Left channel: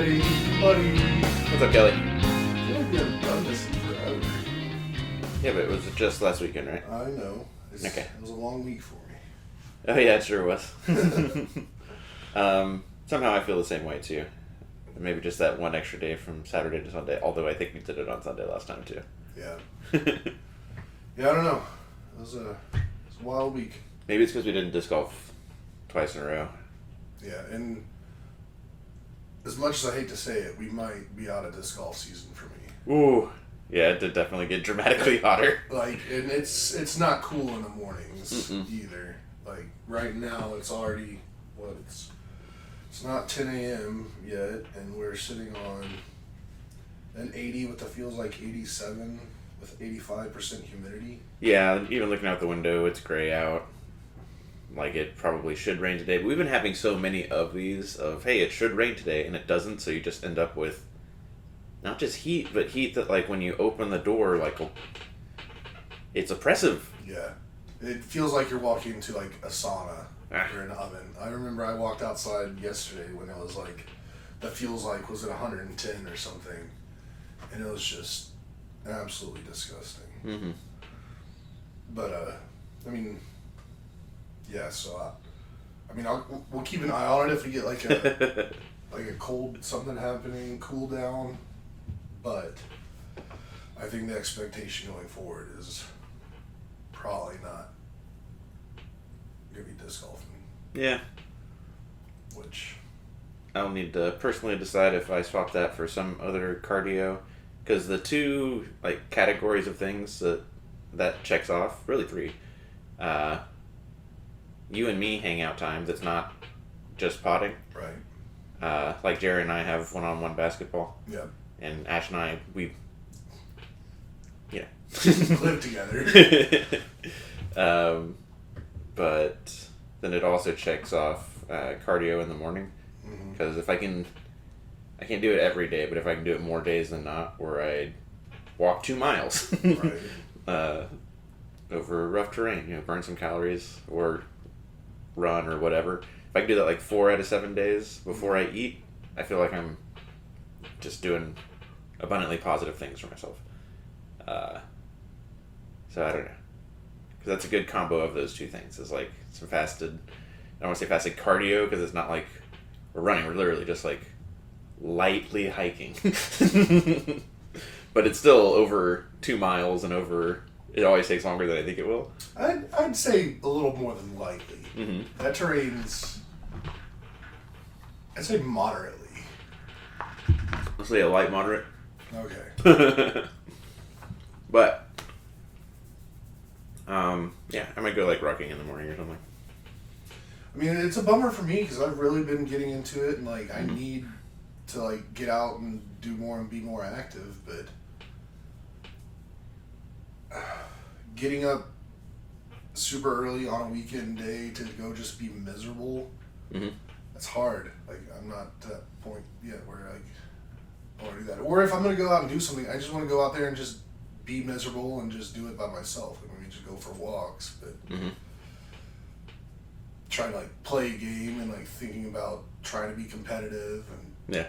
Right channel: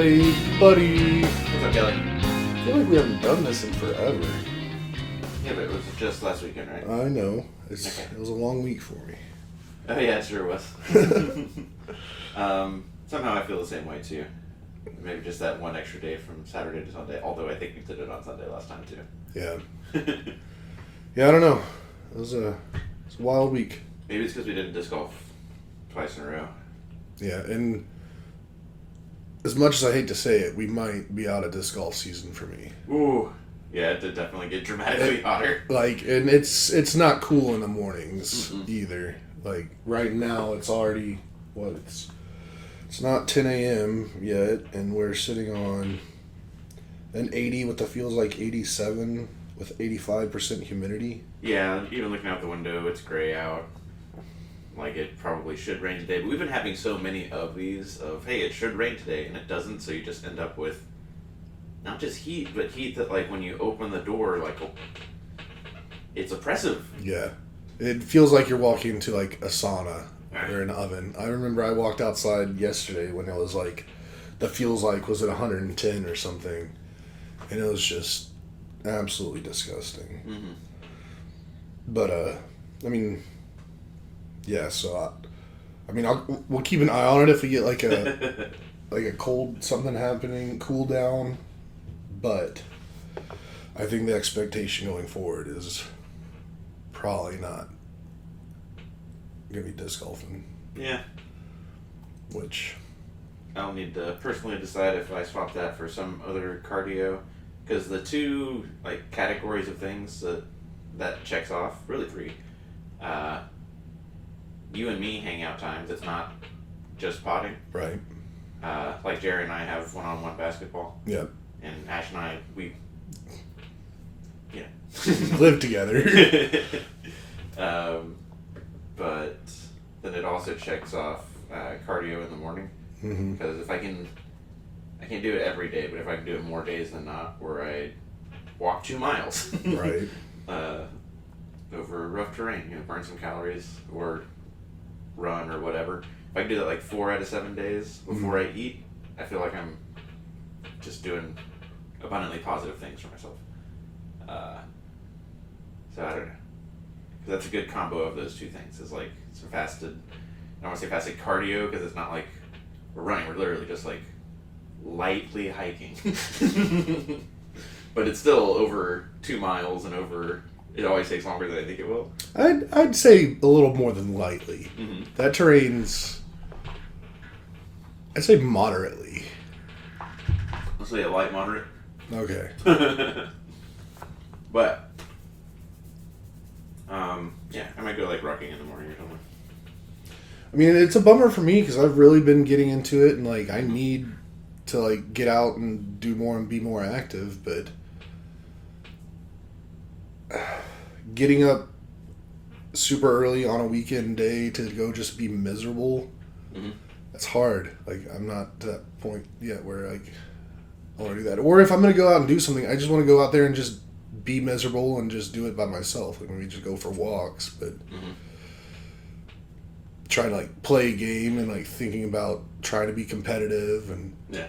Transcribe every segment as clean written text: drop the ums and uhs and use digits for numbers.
Hey, buddy. What's up, Kelly? I feel like we haven't done this in forever. Yeah, but it was just last weekend, right? I know. Okay. It was a long week for me. Oh yeah, it sure was. Somehow I feel the same way too. Maybe just that one extra day from Saturday to Sunday, although I think we did it on Sunday last time too. Yeah. Yeah, I don't know. It was a wild week. Maybe it's because we didn't disc golf twice in a row. Yeah, and as much as I hate to say it, we might be out of disc golf season for me. Ooh. Yeah, it did definitely get dramatically hotter. Like, and it's not cool in the mornings either. Like, right now it's already, it's not 10 a.m. yet, and we're sitting on an 80 with the feels like 87 with 85% humidity. Yeah, even looking out the window, it's gray out. Like, it probably should rain today. But we've been having so many of these of, hey, it should rain today, and it doesn't, so you just end up with not just heat, but heat that, like, when you open the door, like, it's oppressive. Yeah. It feels like you're walking into, like, a sauna or an oven. I remember I walked outside yesterday when it was, like, the feels like was at 110 or something. And it was just absolutely disgusting. Mm-hmm. But, I mean, yeah, so, we'll keep an eye on it if we get, like, a cold something happening, cool down. But I think the expectation going forward is probably not going to be disc golfing. Yeah. Which I'll need to personally decide if I swap that for some other cardio. Because the two, like, categories of things that checks off, really three. You and me hang out times, it's not just potting. right. Like Jerry and I have one-on-one basketball. Yeah. And Ash and I, we live together. But then it also checks off cardio in the morning. Mm-hmm. Because if I can't do it every day, but if I can do it more days than not, where I walk 2 miles. Right. Over rough terrain, burn some calories or run or whatever. If I can do that like 4 out of 7 days before I eat, I feel like I'm just doing abundantly positive things for myself. So I don't know. Because that's a good combo of those two things. It's like some fasted, I don't want to say fasted cardio because it's not like we're running. We're literally just like lightly hiking. But it's still over 2 miles and over, it always takes longer than I think it will. I'd say a little more than lightly. Mm-hmm. That terrain's, I'd say moderately. Let's say a light moderate. Okay. But, yeah, I might go like rocking in the morning or something. I mean, it's a bummer for me because I've really been getting into it and, like, I need to, like, get out and do more and be more active, but getting up super early on a weekend day to go just be miserable, that's hard. Like, I'm not to that point yet where, like, I want to do that. Or if I'm going to go out and do something, I just want to go out there and just be miserable and just do it by myself. Like, maybe just go for walks, but try to, like, play a game and, like, thinking about trying to be competitive, and Yeah.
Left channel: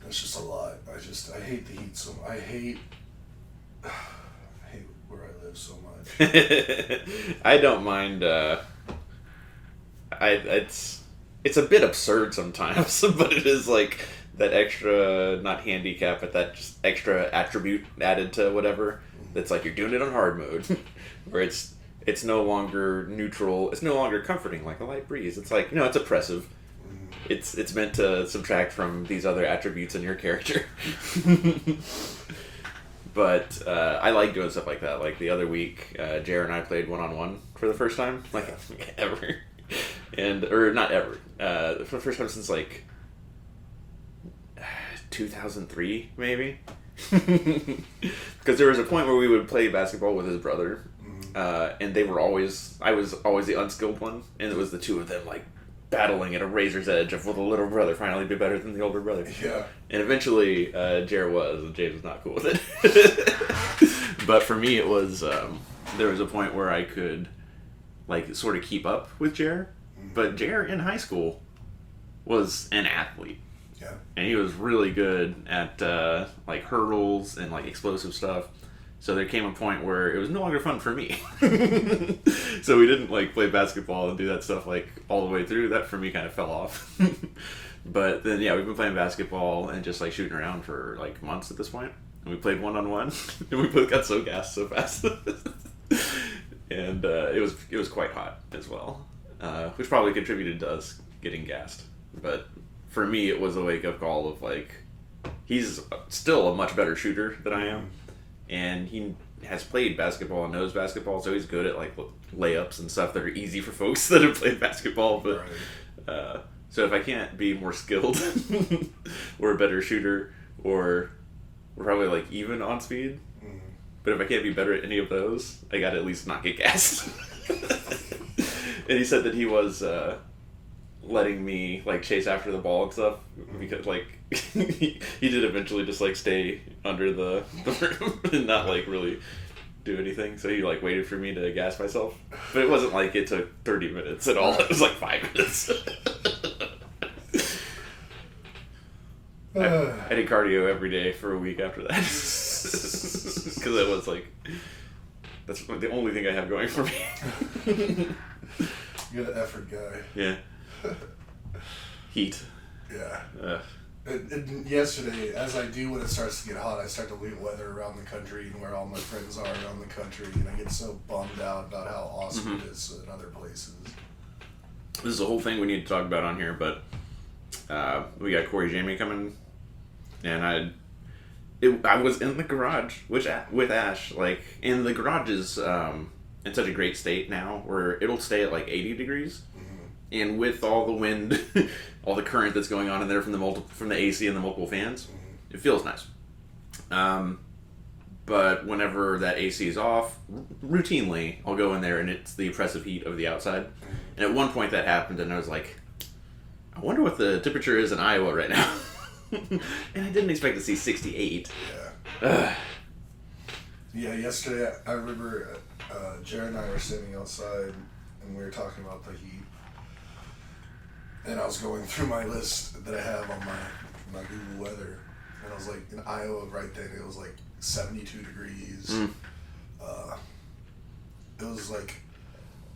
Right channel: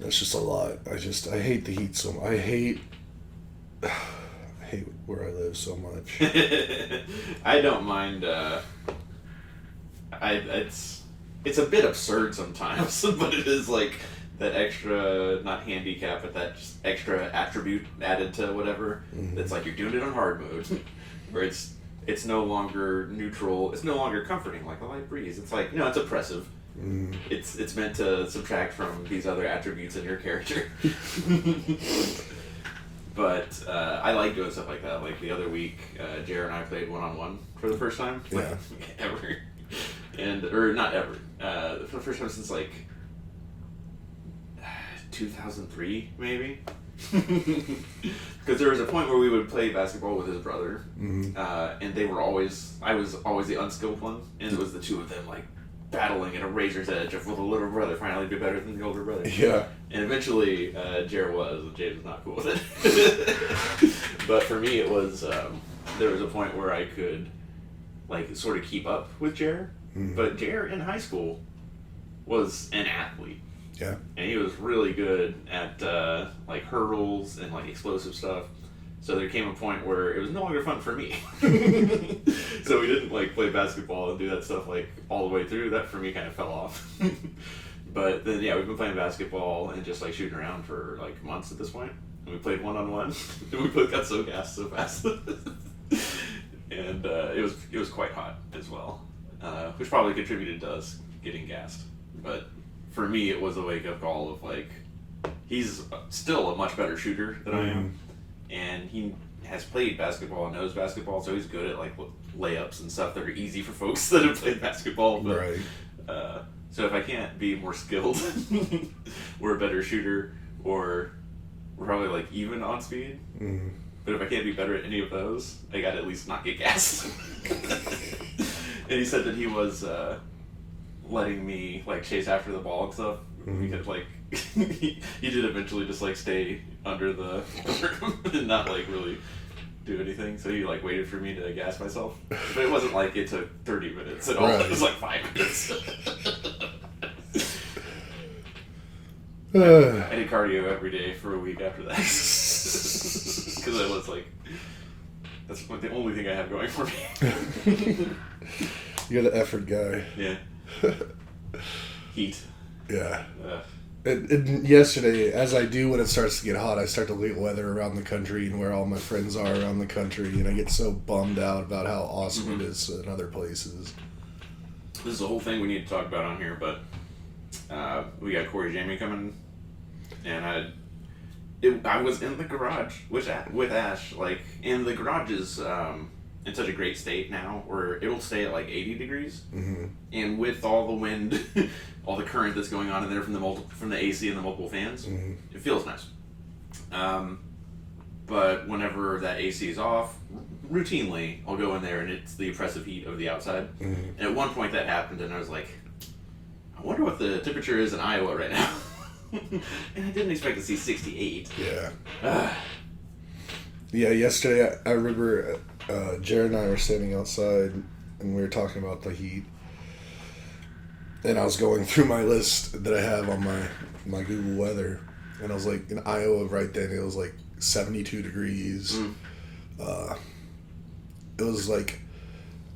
that's just a lot. I hate the heat so much. I hate where I live so much. I don't mind, it's a bit absurd sometimes, but it is like that extra, not handicap, but that just extra attribute added to whatever. That's like you're doing it on hard mode, where it's no longer neutral. It's no longer comforting like a light breeze. It's like, no, it's oppressive. It's meant to subtract from these other attributes in your character. But I like doing stuff like that. Like the other week, Jared and I played one-on-one for the first time, like ever, or not ever, for the first time since like 2003 maybe. Because there was a point where we would play basketball with his brother, and I was always the unskilled one, and it was the two of them like battling at a razor's edge of will the little brother finally be better than the older brother. Yeah. And eventually, Jared was, and James was not cool with it. But for me, it was, there was a point where I could, like, sort of keep up with Jared. But Jared in high school was an athlete. Yeah. And he was really good at like hurdles and like explosive stuff. So there came a point where it was no longer fun for me. So we didn't like play basketball and do that stuff like all the way through. That for me kind of fell off. But then yeah, we've been playing basketball and just like shooting around for like months at this point. And we played 1-on-1, and we both got so gassed so fast. And it was quite hot as well, which probably contributed to us getting gassed. But for me, it was a wake up call of like, he's still a much better shooter than I am, and he has played basketball and knows basketball, so he's good at like layups and stuff that are easy for folks that have played basketball. But Right. so if I can't be more skilled or a better shooter, or we're probably like even on speed. Mm-hmm. But if I can't be better at any of those, I gotta at least not get gassed. And he said that he was letting me like chase after the ball and stuff, because like he did eventually just like stay under the rim and not like really do anything. So he like waited for me to gas myself. But it wasn't like it took 30 minutes at all. Right. It was like 5 minutes. I did cardio every day for a week after that. Because it was like, that's the only thing I have going for me. You're the effort guy. Yeah. Heat. Yeah. Ugh. Yesterday, as I do when it starts to get hot, I start to look at weather around the country and where all my friends are around the country, and I get so bummed out about how awesome it is in other places. This is a whole thing we need to talk about on here, but we got Corey Jamie coming, and I was in the garage with Ash, like, and the garage is in such a great state now where it'll stay at like 80 degrees, and with all the wind, all the current that's going on in there from the AC and the multiple fans, it feels nice. But whenever that AC is off, routinely I'll go in there and it's the oppressive heat of the outside. And at one point that happened, and I was like, I wonder what the temperature is in Iowa right now. And I didn't expect to see 68. Yeah. Yeah, yesterday I remember Jared and I were standing outside and we were talking about the heat. And I was going through my list that I have on my Google Weather. And I was like, in Iowa right then, it was like 72 degrees. It was like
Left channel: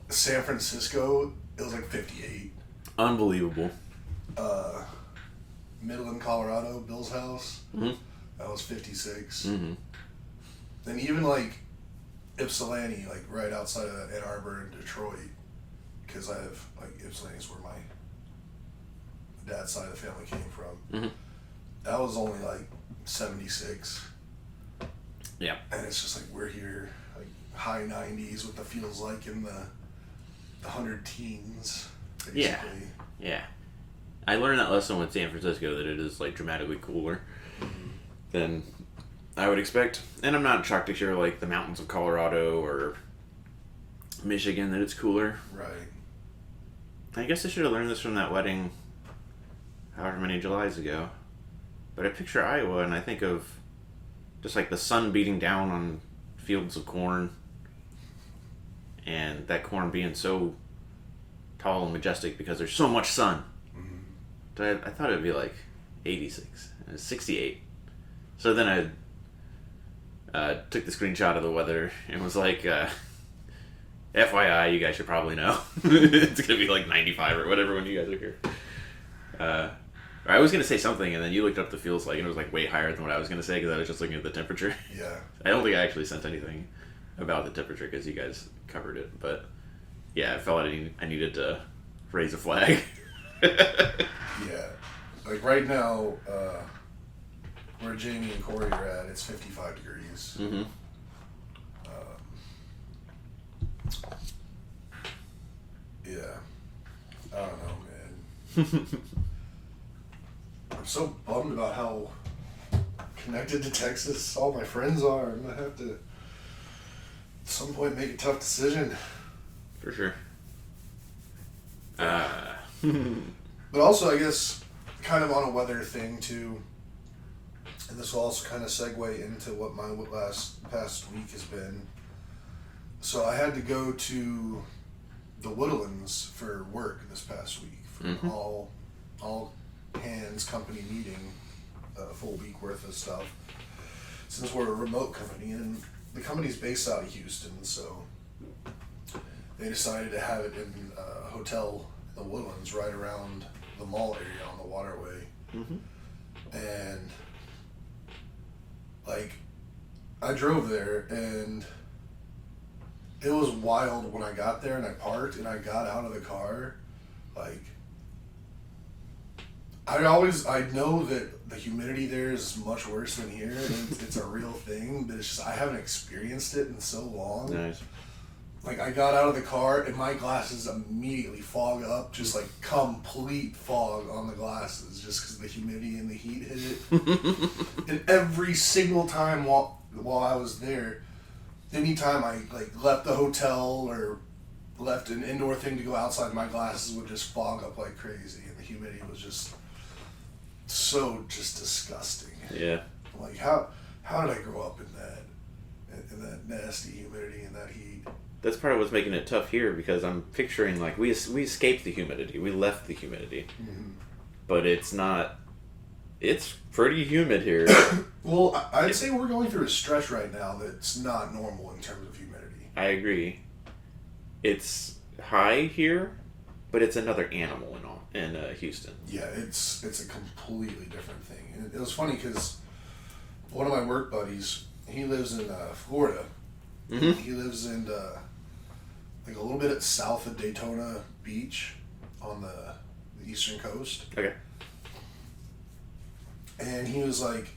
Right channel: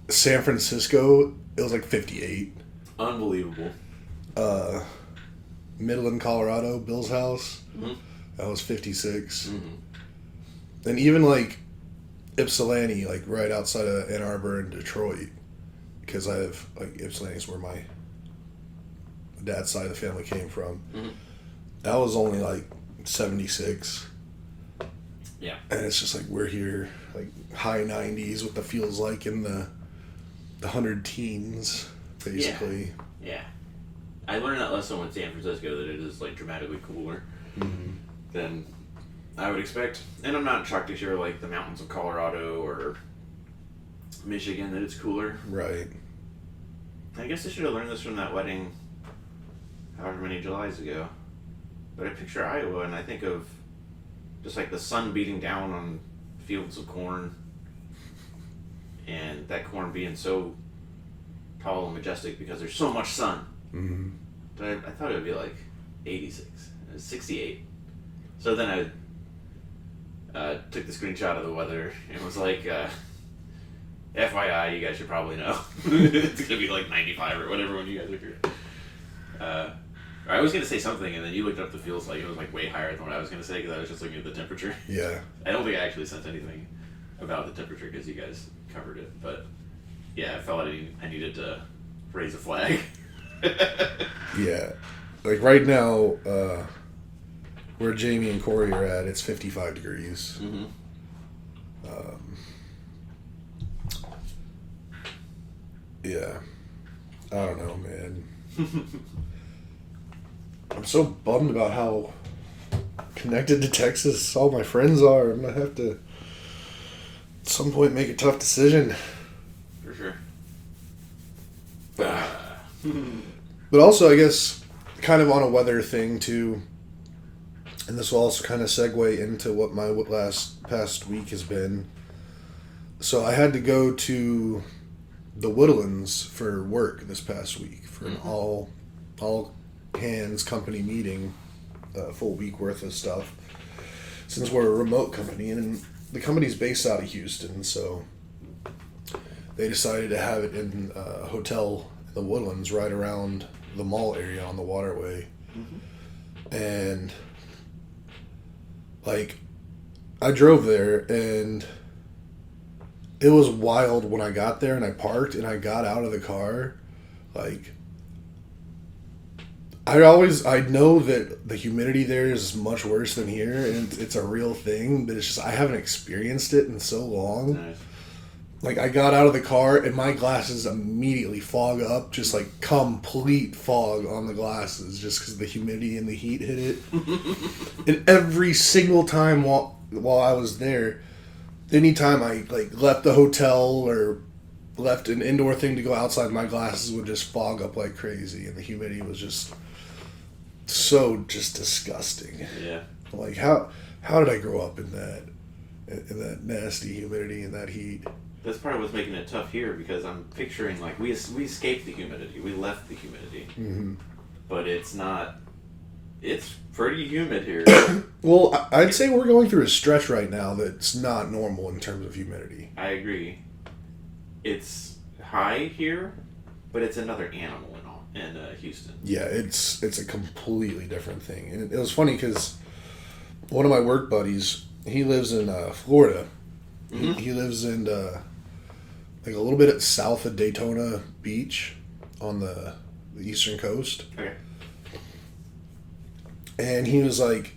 San Francisco, it was like 58. Unbelievable. Midland, Colorado, Bill's house, that was 56. And even like Ypsilanti, like right outside of Ann Arbor and Detroit, because I have like Ypsilanti's where my dad's side of the family came from. That was only like 76. Yeah. And it's just like we're here, like high 90s, what the feels like in the 100 teens, basically. Yeah. I learned that lesson with San Francisco, that it is like dramatically cooler than I would expect. And I'm not shocked to hear like the mountains of Colorado or Michigan that it's cooler. Right. I guess I should have learned this from that wedding however many Julys ago. But I picture Iowa and I think of just like the sun beating down on fields of corn, and that corn being so tall and majestic because there's so much sun. But I thought it would be like 86. It was 68. So then I took the screenshot of the weather and was like, FYI, you guys should probably know. It's going to be like 95 or whatever when you guys are here. I was going to say something, and then you looked up the feels like, and it was like way higher than what I was going to say because I was just looking at the temperature. Yeah. I don't think I actually sent anything about the temperature because you guys covered it. But yeah, I felt like I needed to raise a flag. Yeah. Like right now, where Jamie and Corey are at, it's 55 degrees. Yeah. I don't know, man. I'm so bummed about how connected to Texas all my friends are. I'm going to have to, at some point, make a tough decision. For sure. But also, I guess, kind of on a weather thing, too, and this will also kind of segue into what my past week has been. So I had to go to the Woodlands for work this past week for all hands company meeting, a full week worth of stuff, since we're a remote company, and the company's based out of Houston, so they decided to have it in a hotel in the Woodlands right around the mall area on the waterway. And like, I drove there, and it was wild when I got there and I parked and I got out of the car. Like, I know that the humidity there is much worse than here, and it's a real thing, but it's just I haven't experienced it in so long. Nice. Like, I got out of the car and my glasses immediately fog up, just like complete fog on the glasses, just because the humidity and the heat hit it. And every single time while I was there, anytime I like left the hotel or left an indoor thing to go outside, my glasses would just fog up like crazy, and the humidity was just so just disgusting. Yeah. Like, how did I grow up in that nasty humidity and that heat? That's part of what's making it tough here, because I'm picturing like we escaped the humidity, we left the humidity, but it's not. It's pretty humid here. Well, I'd say we're going through a stretch right now that's not normal in terms of humidity. I agree. It's high here, but it's another animal in Houston. Yeah, it's a completely different thing, and it was funny because one of my work buddies, he lives in Florida. He lives in like a little bit south of Daytona Beach on the eastern coast. Okay. And he was like,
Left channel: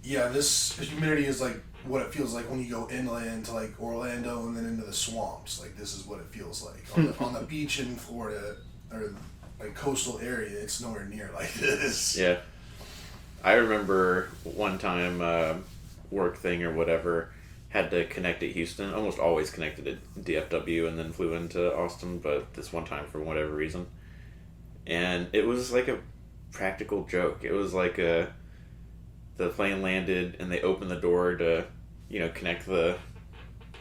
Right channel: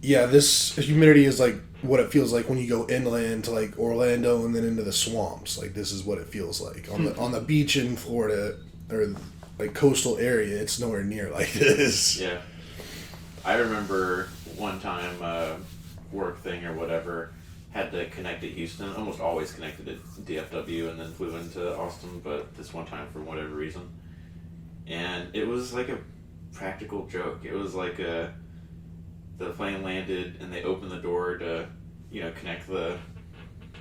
yeah, this humidity is like what it feels like when you go inland to like Orlando and then into the swamps. Like, this is what it feels like on the beach in Florida or like coastal area. It's nowhere near like this. Yeah. I remember one time, work thing or whatever, had to connect to Houston. Almost always connected to DFW and then flew into Austin, but this one time for whatever reason. And it was like a practical joke. It was like the plane landed and they opened the door to, connect the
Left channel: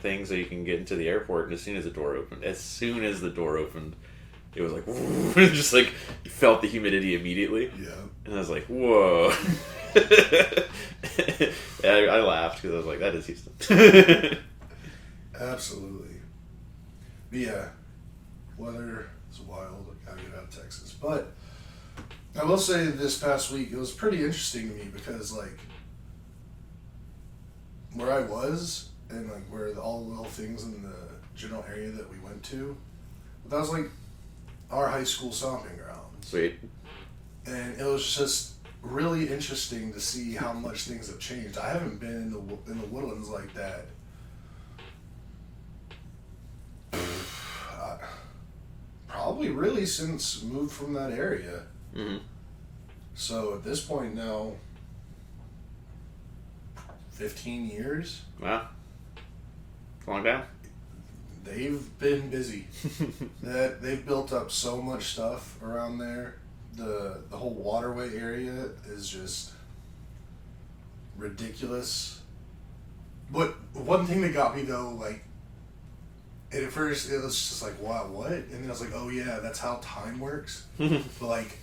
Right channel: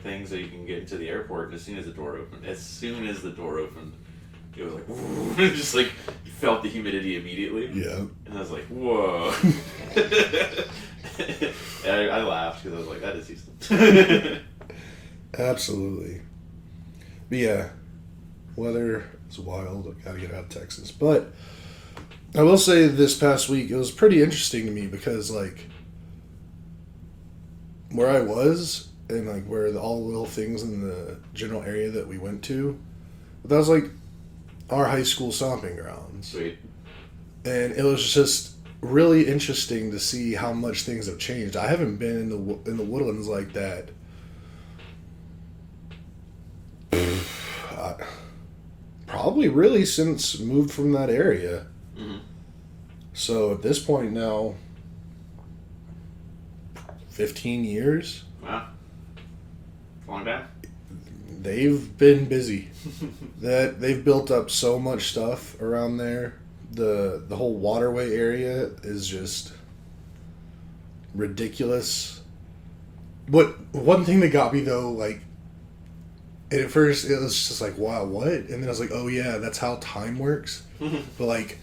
thing so you can get into the airport. And as soon as the door opened, it was like, it just like, you felt the humidity immediately. Yeah. And I was like, whoa. And I laughed because I was like, that is Houston. Absolutely. But yeah, weather is wild. I gotta get out of Texas. But I will say this past week, it was pretty interesting to me because, like, where I was and, like, where all the little things in the general area that we went to, that was, like, our high school stomping grounds. Sweet. And it was just really interesting to see how much things have changed. I haven't been in the Woodlands like that. Probably really since moved from that area. So at this point now, 15 years. Wow. Long down. They've been busy. They've built up so much stuff around there. The whole waterway area is just ridiculous. But one thing that got me though, like, at first it was just like, wow, what? And then I was like, oh yeah, that's how time works. But like,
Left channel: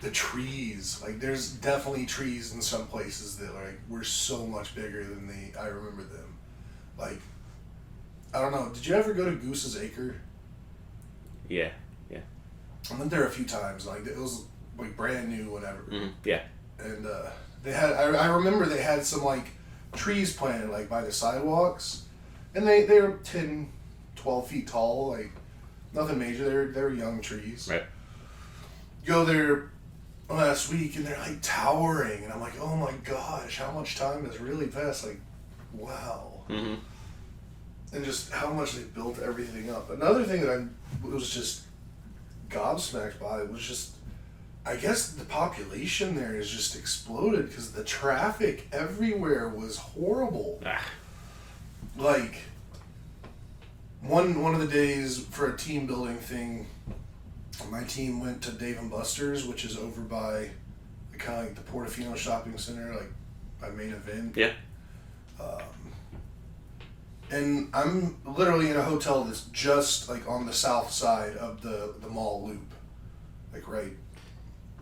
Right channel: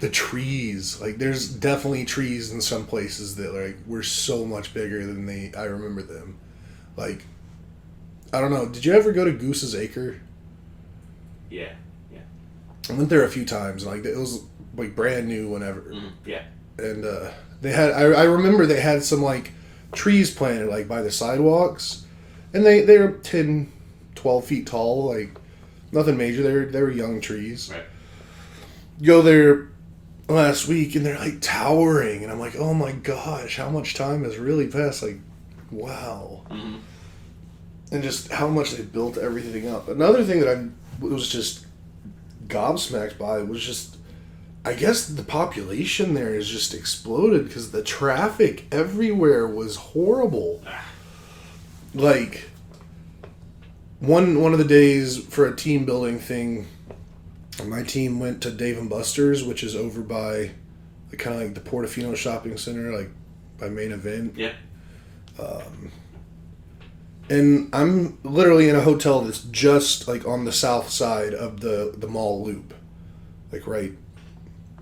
the trees, like, there's definitely trees in some places that like were so much bigger than I remember them. Like, I don't know, did you ever go to Goose's Acre? Yeah. I went there a few times. Like, it was like brand new whenever. Yeah. And they had, I remember they had some like trees planted like by the sidewalks, and they were 10, 12 feet tall. Like, nothing major. They were young trees. Right. Go there last week and they're like towering, and I'm like, oh my gosh, how much time has really passed? Like, wow. And just how much they built everything up. Another thing that I was just gobsmacked by was just, I guess the population there has just exploded because the traffic everywhere was horrible. Like, one of the days for a team building thing, my team went to Dave & Buster's, which is over by kind of like the Portofino shopping center, like by Main Event. Yeah. And I'm literally in a hotel that's just like on the south side of the mall loop, like right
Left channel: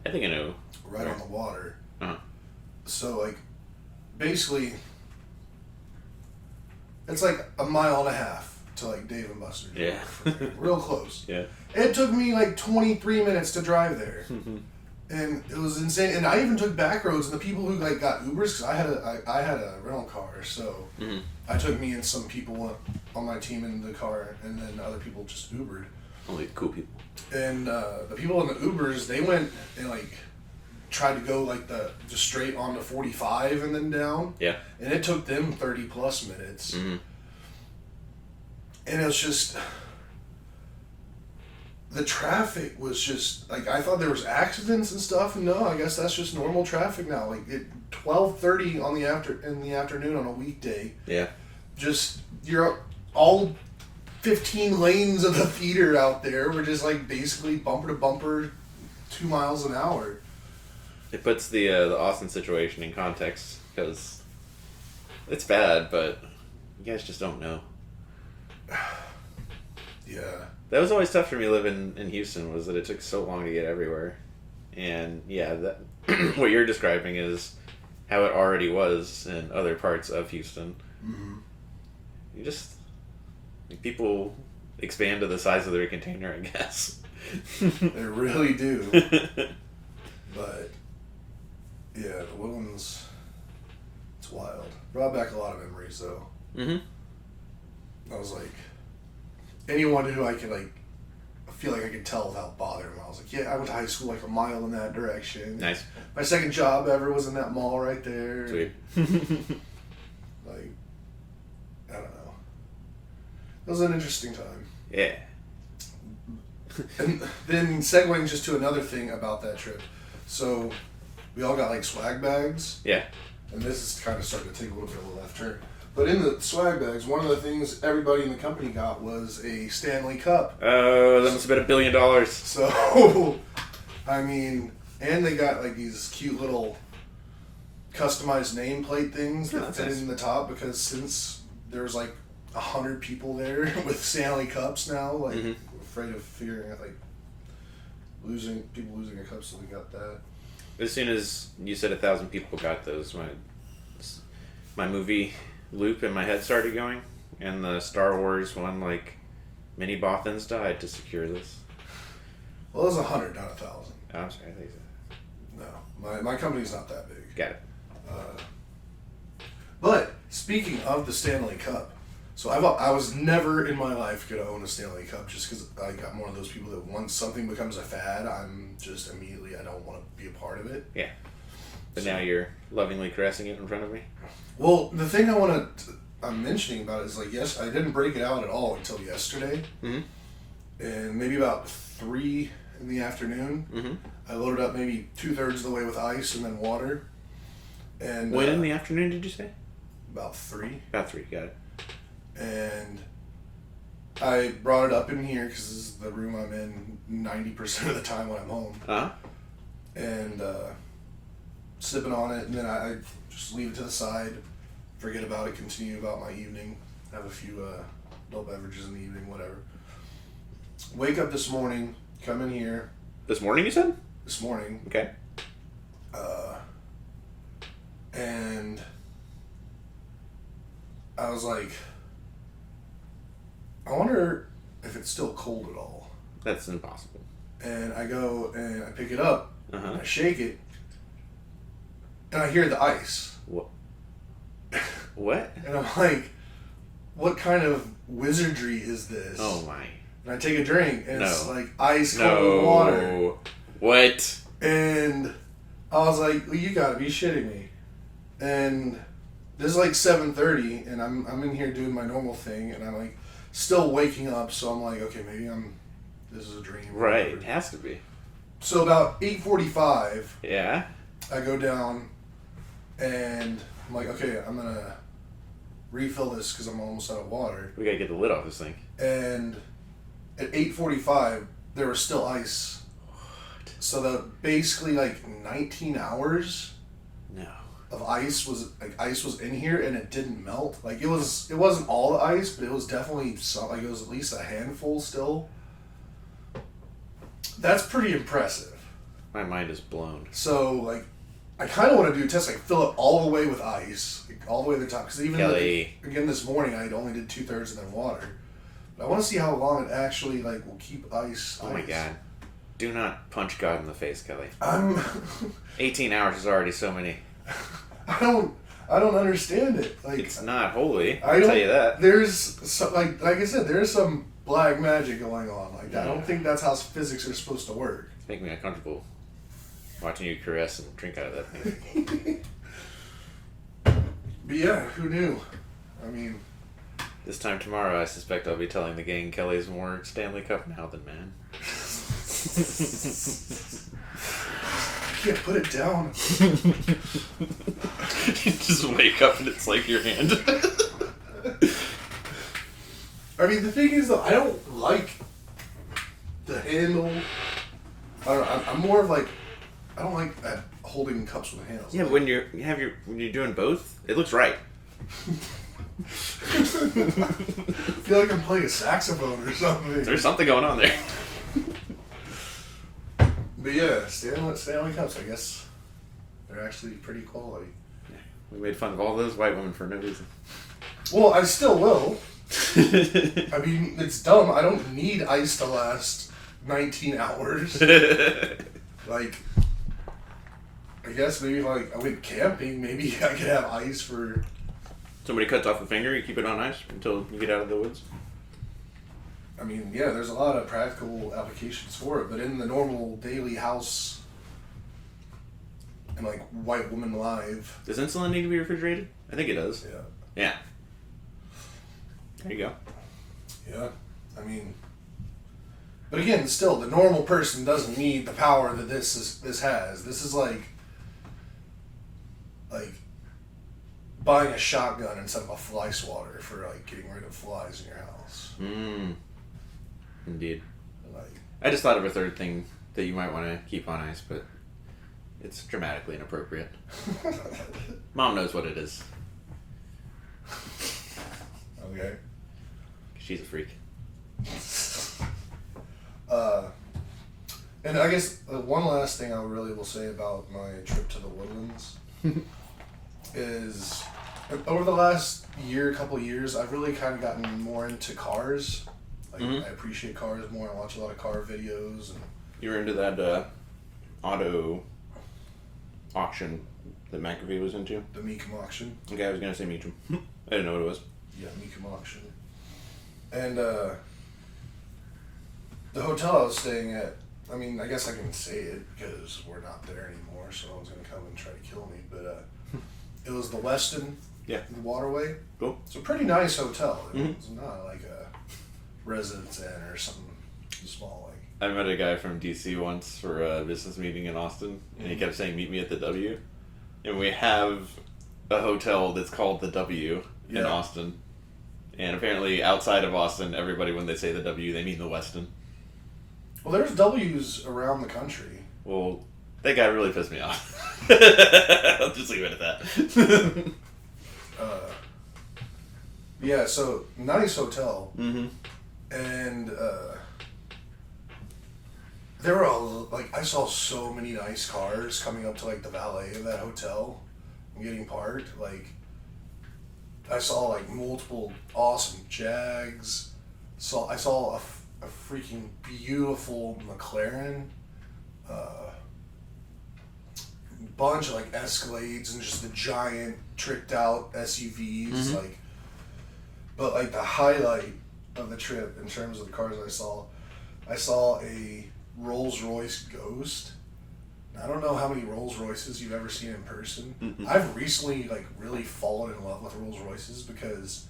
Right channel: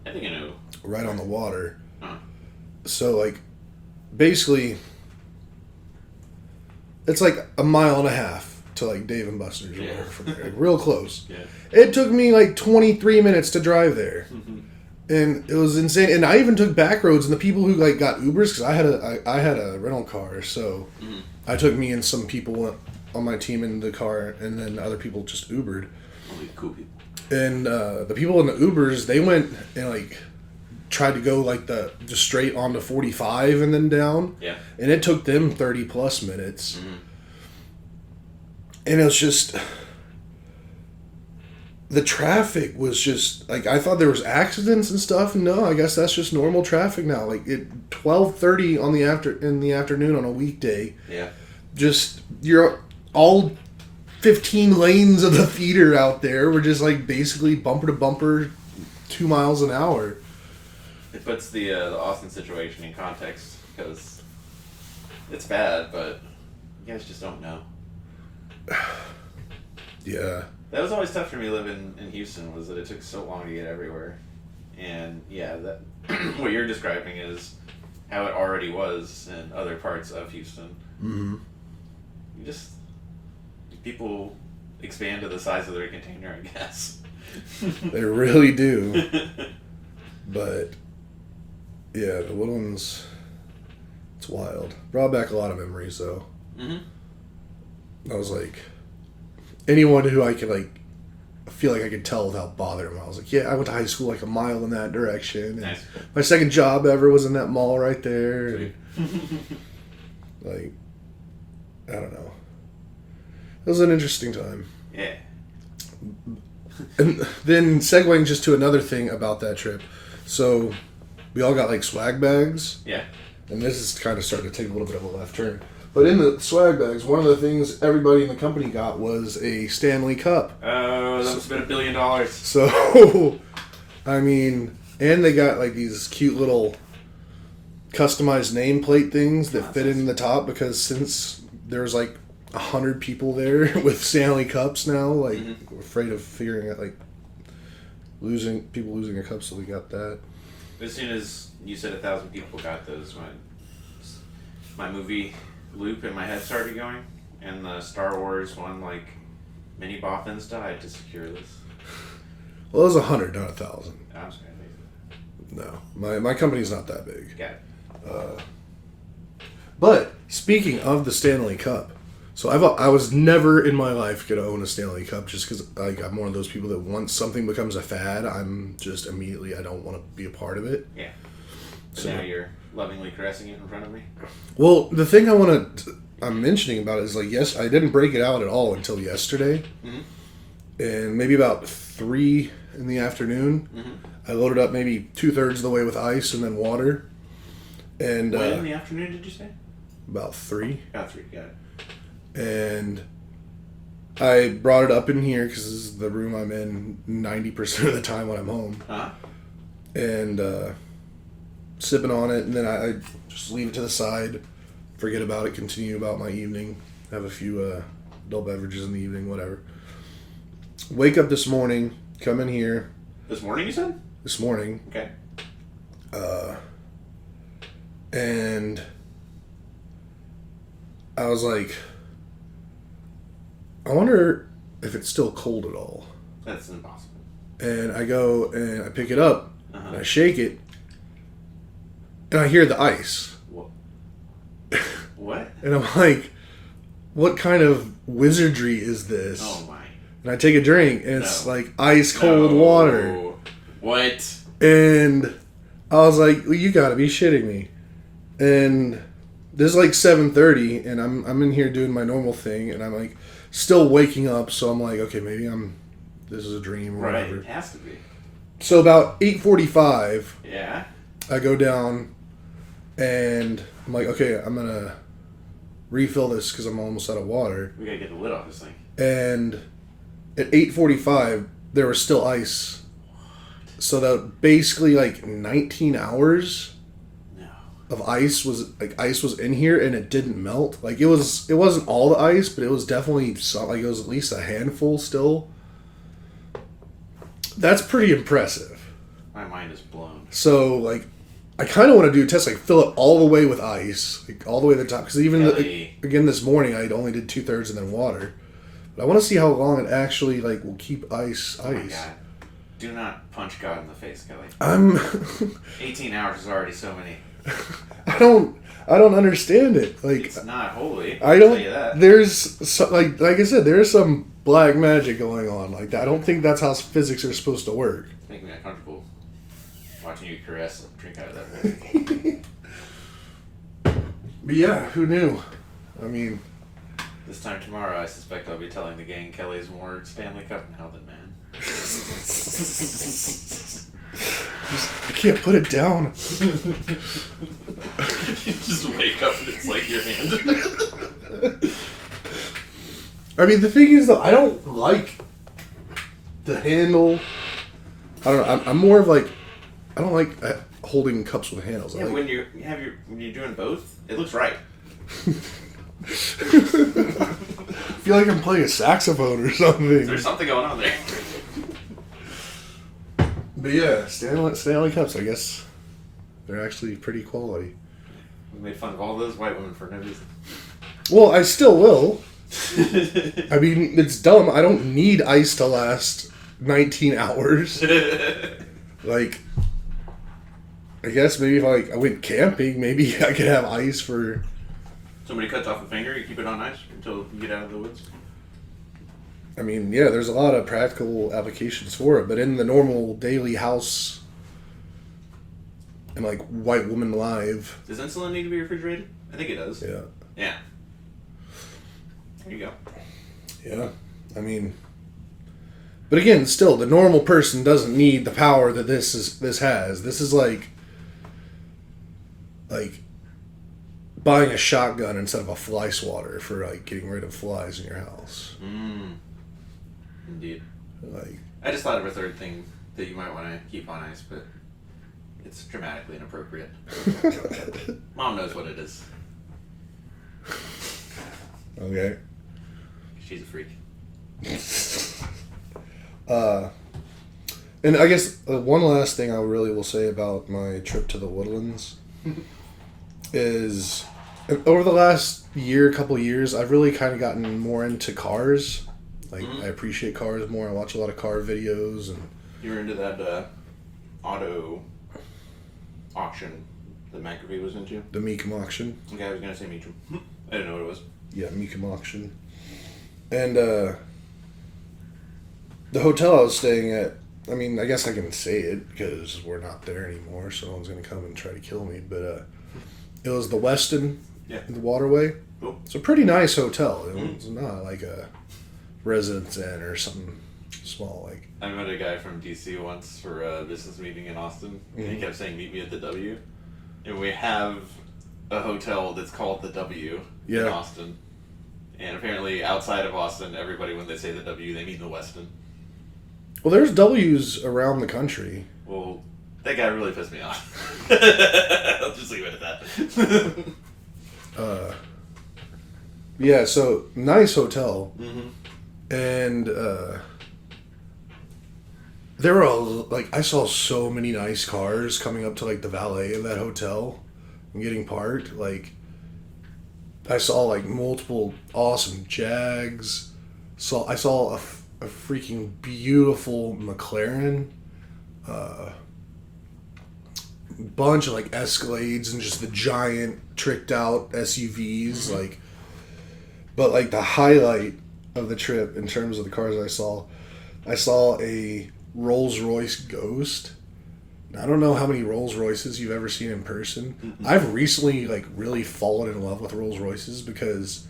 I think I know. right on the water. Uh-huh. So, like, basically, it's like a mile and a half to, like, Dave and Buster's. Yeah. From there. Real close. Yeah. It took me, like, 23 minutes to drive there. And it was insane. And I even took back roads, and the people who, like, got Ubers, because I had a rental car, so I took me and some people on my team in the car, and then other people just Ubered. Only the cool people. And the people in the Ubers, they went and, like, tried to go, like, just straight onto 45 and then down. Yeah. And it took them 30 plus minutes. Mm-hmm. And it was just, the traffic was just, like, I thought there was accidents and stuff. No, I guess that's just normal traffic now. Like, at 12:30 in the afternoon on a weekday. Yeah. Just, you're all 15 lanes of the feeder out there were just, like, basically bumper to bumper 2 miles an hour. It puts the Austin situation in context, because it's bad, but you guys just don't know. Yeah. That was always tough for me living in Houston, was that it took so long to get everywhere. And yeah, that what you're describing is how it already was in other parts of Houston. Mm-hmm. You just, people expand to the size of their container, I guess. They really do. But yeah, the Woodlands, it's wild. Brought back a lot of memories though. Mm-hmm. I was like, anyone who I could, like, feel like I could tell without bothering them. I was like, yeah, I went to high school like a mile in that direction. Nice. My second job ever was in that mall right there. Sweet. Like, I don't know. It was an interesting time. Yeah. And then segueing just to another thing about that trip. So, we all got, like, swag bags. Yeah. And this is kind of starting to take a little bit of a left turn. But in the swag bags, one of the things everybody in the company got was a Stanley Cup. Oh, that must have been $1 billion. So, I mean, and they got, like, these cute little customized nameplate things that fit in the top, because since there's, like, 100 people there with Stanley Cups now, like, we're afraid of figuring out, like, losing a cup, so we got that. As soon as you said 1,000 people got those, my movie loop in my head started going, and the Star Wars one, like, mini boffins died to secure this. Well, it was 100, not 1,000. Oh, I'm sorry. No, my company's not that big. Got it. But speaking of the Stanley Cup, so I was never in my life gonna own a Stanley Cup, just because, like, I'm one of those people that once something becomes a fad, I'm just immediately, I don't want to be a part of it. Yeah. But So- now you're lovingly caressing it in front of me. Well, the thing I'm mentioning about it is, like, yes, I didn't break it out at all until yesterday, and maybe about 3 in the afternoon, I loaded up maybe 2/3 of the way with ice and then water, and When in the afternoon did you say? about 3. About 3, got it. And I brought it up in here because this is the room I'm in 90% of the time when I'm home. Uh-huh. And sipping on it, and then I just leave it to the side, forget about it, continue about my evening, have a few adult beverages in the evening, whatever. Wake up this morning, come in here. This morning, you said? This morning. Okay. And I was like, I wonder if it's still cold at all. That's impossible. And I go and I pick it up, Uh-huh. and I shake it, and I hear the ice. What? What? And I'm like, what kind of wizardry is this? Oh my. And I take a drink, and it's No. like ice cold water. What? And I was like, well, you gotta be shitting me. And this is like 7:30, and I'm in here doing my normal thing, and I'm like still waking up, so I'm like, okay, maybe this is a dream or Right. whatever. It has to be. So about 8:45, Yeah. I go down, and I'm like, okay, I'm gonna refill this because I'm almost out of water. We gotta get the lid off this thing. And at 8:45, there was still ice. So that basically like 19 hours No. of ice was in here, and it didn't melt. Like, it wasn't all the ice, but it was definitely some, like, it was at least a handful still. That's pretty impressive. My mind is blown. So, like, I kind of want to do a test, like, fill it all the way with ice, like, all the way to the top. Because even, again, this morning, I only did 2/3 and then water. But I want to see how long it actually, like, will keep ice. Oh, my God. Do not punch God in the face, Kelly. 18 hours is already so many. I don't understand it. Like, it's not holy. I'll tell you that. There's, like I said, there's some black magic going on like that. I don't think that's how physics are supposed to work. It's making me uncomfortable. Watching you caress and drink out of that thing. But yeah, who knew? I mean... This time tomorrow, I suspect I'll be telling the gang Kelly's more Stanley Cup now than man. I can't put it down. You just wake up and it's like your hand. I mean, the thing is, though, I don't like the handle. I don't know. I'm more of like... I don't like holding cups with handles. Yeah, like, when you're doing both, it looks right. I feel like I'm playing a saxophone or something. There's something going on there. But yeah, Stanley Cups, I guess they're actually pretty quality. We made fun of all those white women for no reason. Well, I still will. I mean, it's dumb. I don't need ice to last 19 hours. Like, I guess maybe if I went camping, maybe I could have ice for... Somebody cuts off a finger, you keep it on ice until you get out of the woods? I mean, yeah, there's a lot of practical applications for it, but in the normal daily house and, like, white woman live... Does insulin need to be refrigerated? I think it does. Yeah. Yeah. There you go. Yeah. I mean... But again, still, the normal person doesn't need the power that this has. This is like buying a shotgun instead of a fly swatter for like getting rid of flies in your house. Indeed. Like, I just thought of a third thing that you might want to keep on ice, but it's dramatically inappropriate. Mom knows what it is. Okay. She's a freak. And I guess one last thing I really will say about my trip to the Woodlands is over the last couple years, I've really kind of gotten more into cars. Like, I appreciate cars more. I watch a lot of car videos. And you were into that auto auction that McAfee was into? The Mecum auction. Okay, I was going to say Meacham. I didn't know what it was. Yeah, Mecum auction. And the hotel I was staying at, I mean, I guess I can say it because we're not there anymore, so no one's going to come and try to kill me, but it was the Westin, the Waterway. Cool. It's a pretty nice hotel. It's not like a Residence Inn or something small. Like, I met a guy from DC once for a business meeting in Austin, and he kept saying, "Meet me at the W." And we have a hotel that's called the W in Austin. And apparently outside of Austin, everybody, when they say the W, they mean the Westin. Well, there's W's around the country. Well, that guy really pissed me off. I'll just leave it at that. Yeah, so nice hotel. Mm-hmm. And there were I saw so many nice cars coming up to like the valet of that hotel and getting parked. Like, I saw like multiple awesome Jags. I saw a freaking beautiful McLaren. Bunch of like Escalades and just the giant tricked out SUVs. Like, but like the highlight of the trip in terms of the cars I saw a Rolls-Royce Ghost. Now, I don't know how many Rolls-Royces you've ever seen in person. I've recently like really fallen in love with Rolls-Royces because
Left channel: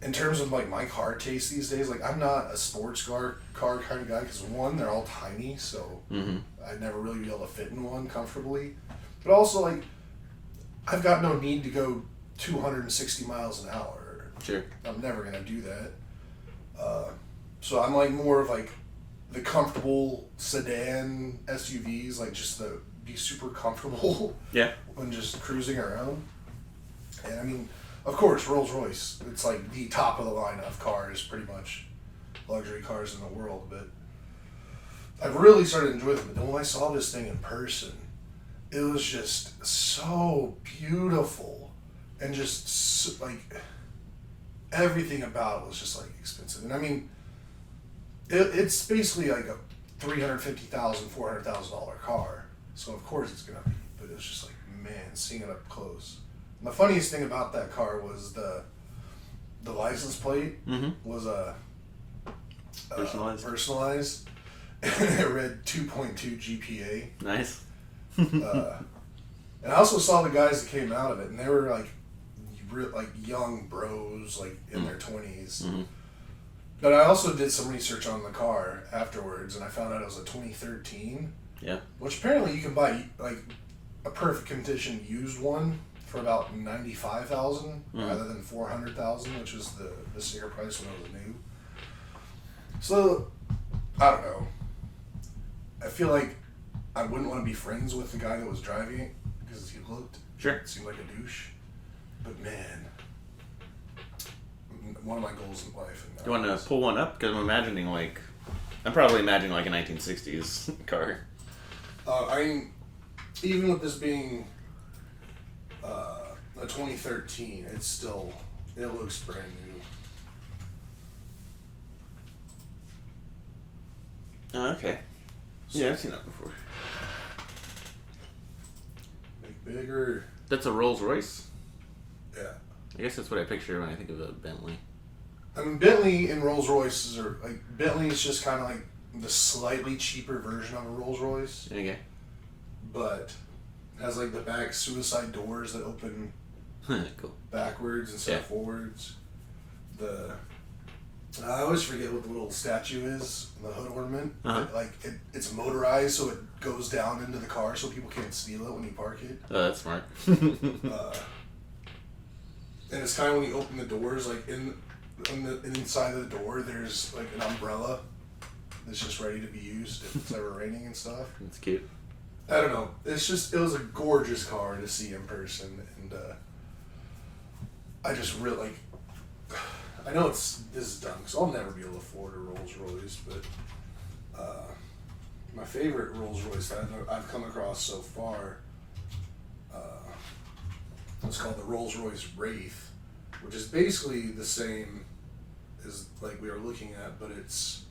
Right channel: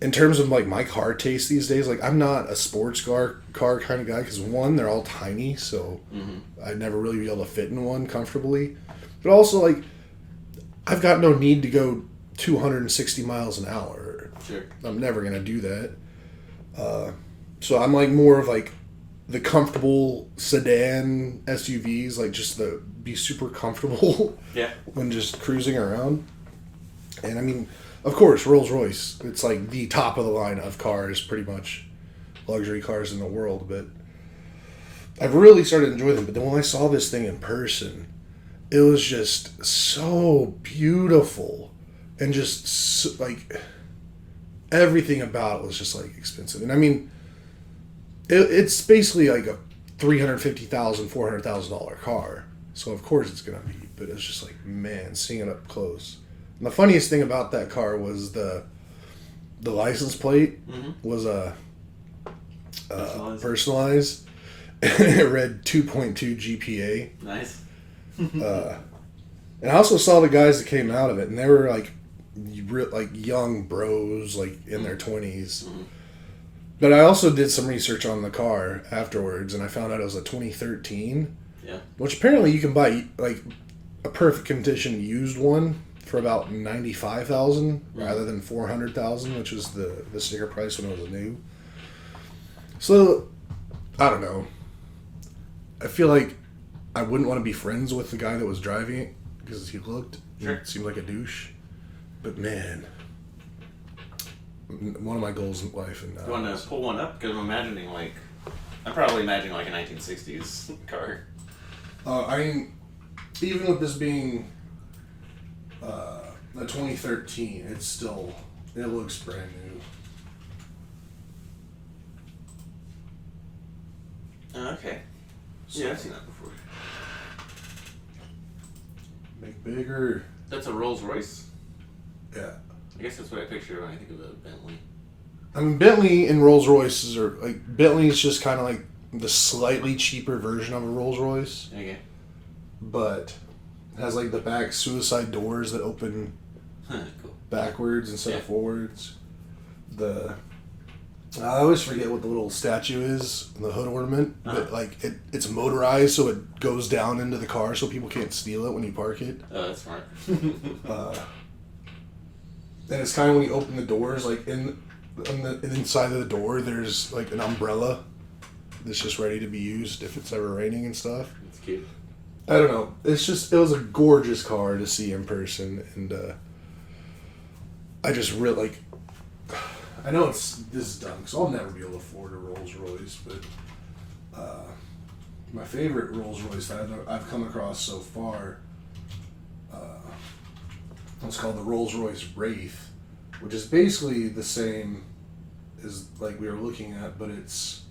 in terms of like my car taste these days, like I'm not a sports car kind of guy because one, they're all tiny, so I'd never really be able to fit in one comfortably. But also, like, I've got no need to go 260 miles an hour. Sure. I'm never gonna do that. So I'm like more of like the comfortable sedan SUVs, like just be super comfortable. Yeah. When just cruising around. And I mean, of course, Rolls-Royce, it's like the top of the line of cars, pretty much luxury cars in the world. But I've really started to enjoy them. But then when I saw this thing in person, it was just so beautiful, and just so, like everything about it was just like expensive. And I mean, it's basically like a $350,000, $400,000 car. So of course it's gonna be. But it's just like, man, seeing it up close. And the funniest thing about that car was the license plate was personalized. And it read 2.2 GPA. Nice. And I also saw the guys that came out of it, and they were like young bros, like in their 20s. Mm-hmm. But I also did some research on the car afterwards, and I found out it was a 2013. Yeah. Which apparently you can buy like a perfect condition used one for about $95,000 rather than $400,000, which was the sticker price when it was new. So I don't know. I feel like I wouldn't want to be friends with the guy that was driving it because he seemed like a douche. But man, one of my goals in life. And you want to pull one up? Because I'm probably imagining like a 1960s car. I mean, even with this being a 2013, it looks brand new. Okay. Yeah, I've seen that before. Make bigger. That's a Rolls Royce? Yeah. I guess that's what I picture when I think of a Bentley. I mean, Bentley and Rolls Royces are like, Bentley is just kind of like the slightly cheaper version of a Rolls Royce. Okay. But it has like the back suicide doors that open cool. backwards instead of forwards. I always forget what the little statue is, the hood ornament. But like it's motorized, so it goes down into the car, so people can't steal it when you park it. Oh, that's smart. And it's kind of when you open the doors, like on the inside of the door, there's like an umbrella that's just ready to be used if it's ever raining and stuff. It's cute. I don't know. It was a gorgeous car to see in person, and I just really like. I know this is dumb because I'll never be able to afford a Rolls Royce, but my favorite Rolls Royce that I've come across so far, it's called the Rolls Royce Wraith, which is basically the same as like we were looking at, but it's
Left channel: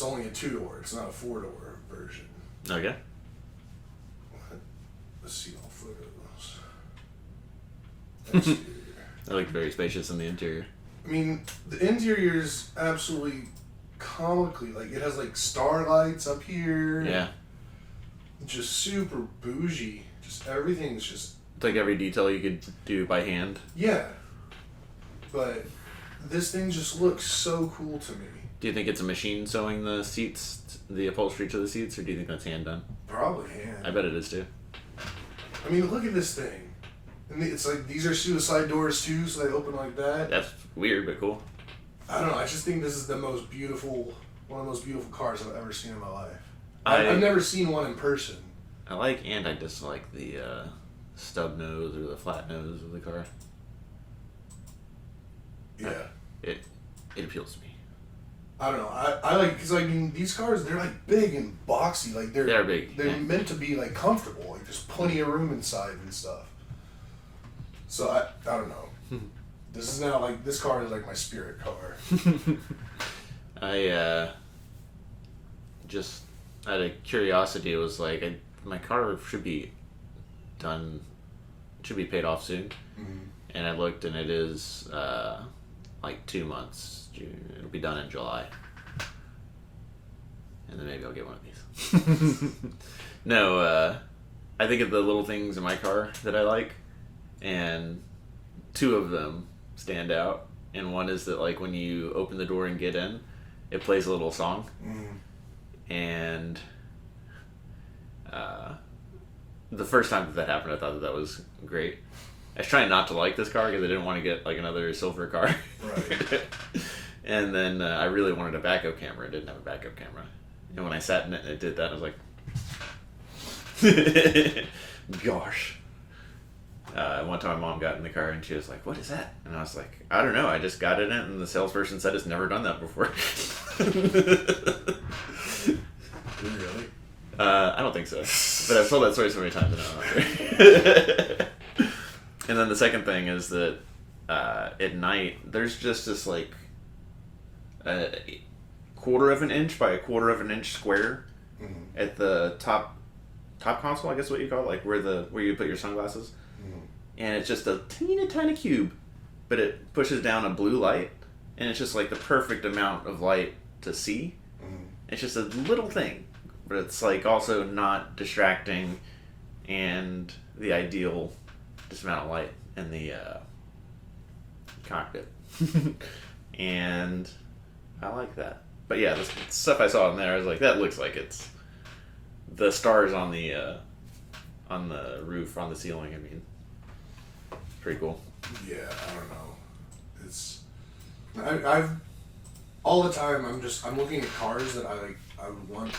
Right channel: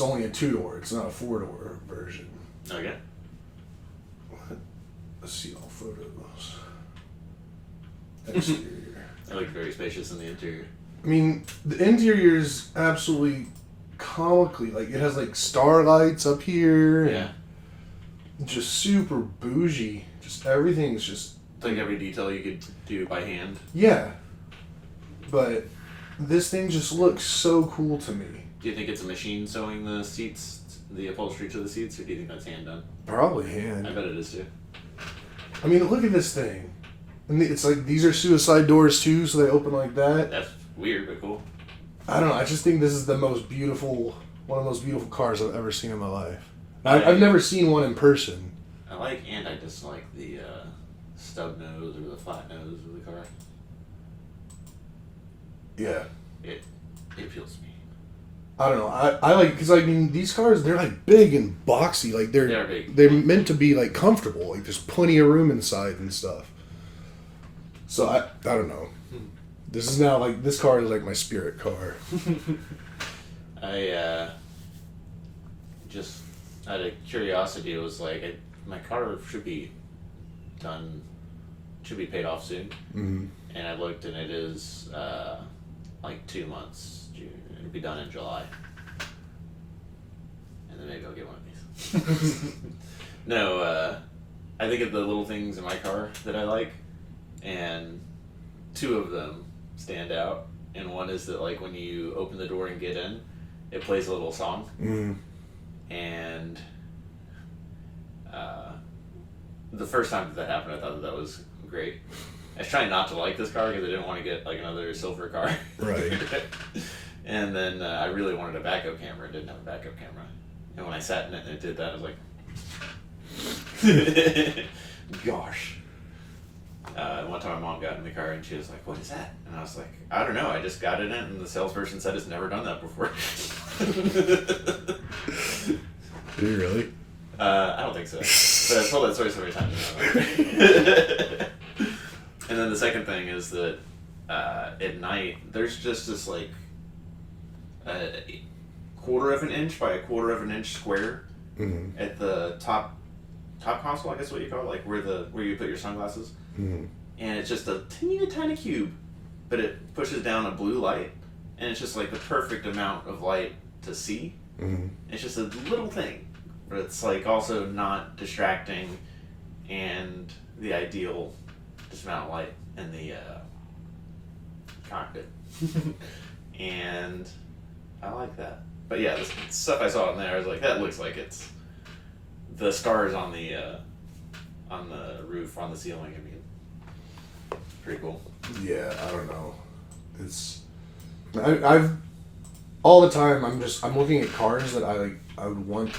only a 2-door. It's not a 4-door version. Okay. Let's see all photos. Exterior. They look very spacious in the interior. I mean, the interior is absolutely comically, like, it has, like, starlights up here. Yeah. Just super bougie. Just everything's just... It's like every detail you could do by hand. Yeah. But this thing just looks so cool to me. Do you think it's a machine sewing the seats, the upholstery to the seats, or do you think that's hand done? Probably hand. I bet it is, too. I mean, look at this thing. And it's like, these are suicide doors, too, so they open like that. That's weird, but cool. I don't know. I just think this is one of the most beautiful cars I've ever seen in my life. I've never seen one in person. I like and I dislike the stub nose or the flat nose of the car. Yeah. It appeals to me. I don't know. I like, because I mean, these cars, they're like big and boxy. Like they're big. They're meant to be like comfortable. Like there's plenty of room inside and stuff. So I don't know. This is now like, this car is like my spirit car. I just out of curiosity was like, my car should be paid off soon. Mm-hmm. And I looked and it is like 2 months. It'll be done in July. And then maybe I'll get one of these. No, I think of the little things in my car that I like, and 2 of them stand out. And one is that, like, when you open the door and get in, it plays a little song. Mm. And the first time that happened, I thought that was great. I was trying not to like this car because I didn't want to get like another silver car. Right. And then I really wanted a backup camera. It didn't have a backup camera. And when I sat in it and it did that, I was like, gosh. One time my mom got in the car and she was like, what is that? And I was like, I don't know. I just got in it and the salesperson said it's never done that before. Did you really? I don't think so. But I've told that story so many times now. And then the second thing is that at night, there's just this like a quarter of an inch by a quarter of an inch square at the top console, I guess what you call it, like where you put your sunglasses. And it's just a teeny tiny cube, but it pushes down a blue light, and it's just like the perfect amount of light to see. It's just a little thing, but it's like also not distracting, and the ideal just amount of light in the cockpit. And I like that. But yeah, the stuff I saw in there, I was like, that looks like it's the stars on the roof, on the ceiling. I mean, pretty cool. Yeah, I don't know. It's I've all the time. I'm looking at cars that I want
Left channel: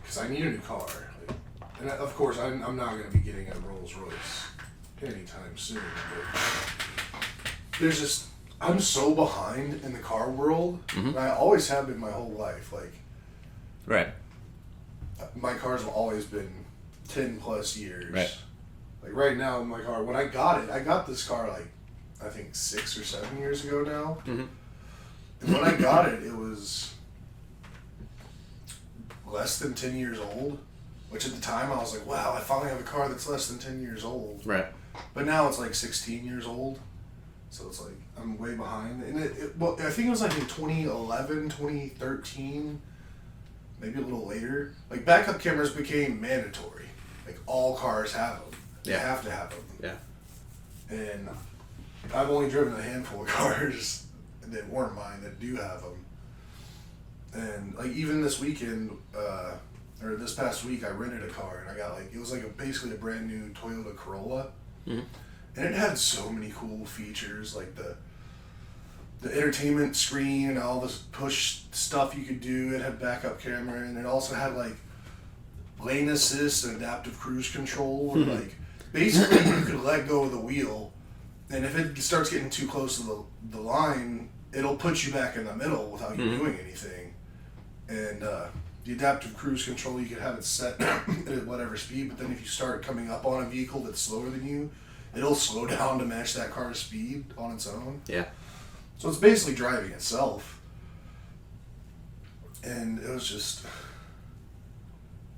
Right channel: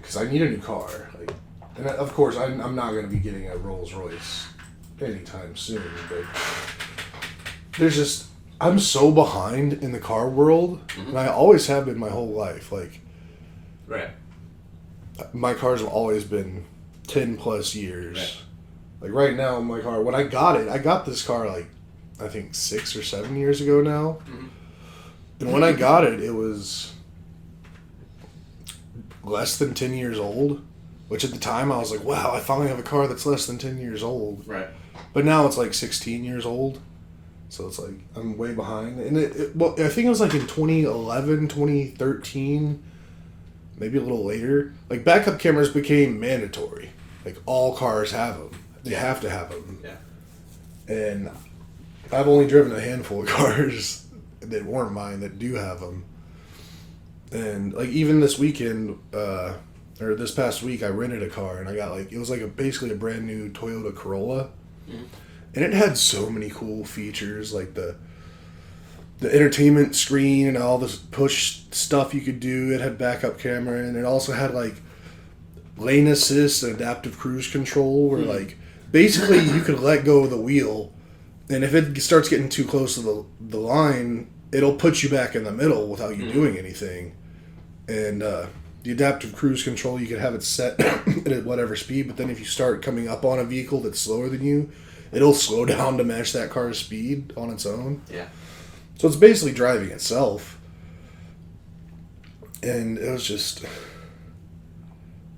because I need a new car. Like, and of course I'm not going to be getting a Rolls Royce anytime soon. But there's just I'm so behind in the car world, and I always have been my whole life. Like, right. My cars have always been 10 plus years. Right. Like right now, my car, when I got this car like, I think 6 or 7 years ago now. And when I got it, it was less than 10 years old, which at the time I was like, wow, I finally have a car that's less than 10 years old. Right. But now it's like 16 years old. So it's like, I'm way behind. And well, I think it was like in 2011, 2013, maybe a little later, like backup cameras became mandatory. Like all cars have them. They have to have them. Yeah. And I've only driven a handful of cars that weren't mine that do have them. And like even this weekend, or this past week, I rented a car and I got like, it was like basically a brand new Toyota Corolla. And it had so many cool features, like the entertainment screen and all this push stuff you could do. It had backup camera, and it also had like lane assist and adaptive cruise control, where like basically you could let go of the wheel, and if it starts getting too close to the line, it'll put you back in the middle without you doing anything. And the adaptive cruise control, you could have it set at whatever speed, but then if you start coming up on a vehicle that's slower than you, it'll slow down to match that car's speed on its own. Yeah. So it's basically driving itself. And it was just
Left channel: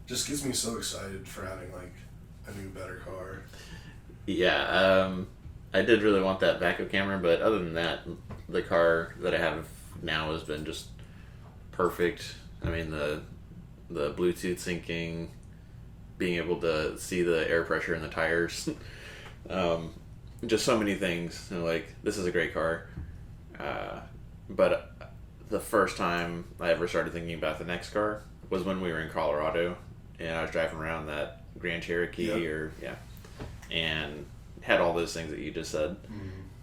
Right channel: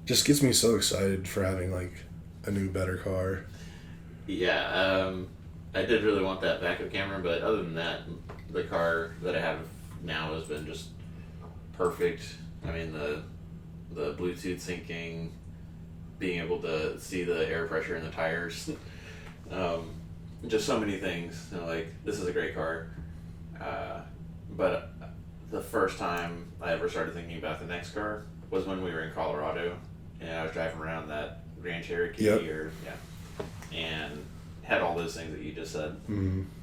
gets me so excited for having like a new, better car. Yeah, I did really want that backup camera, but other than that, the car that I have now has been just perfect. I mean, the Bluetooth syncing, being able to see the air pressure in the tires, just so many things. You know, like, this is a great car. But the first time I ever started thinking about the next car was when we were in Colorado, and I was driving around that Grand Cherokee, and had all those things that you just said,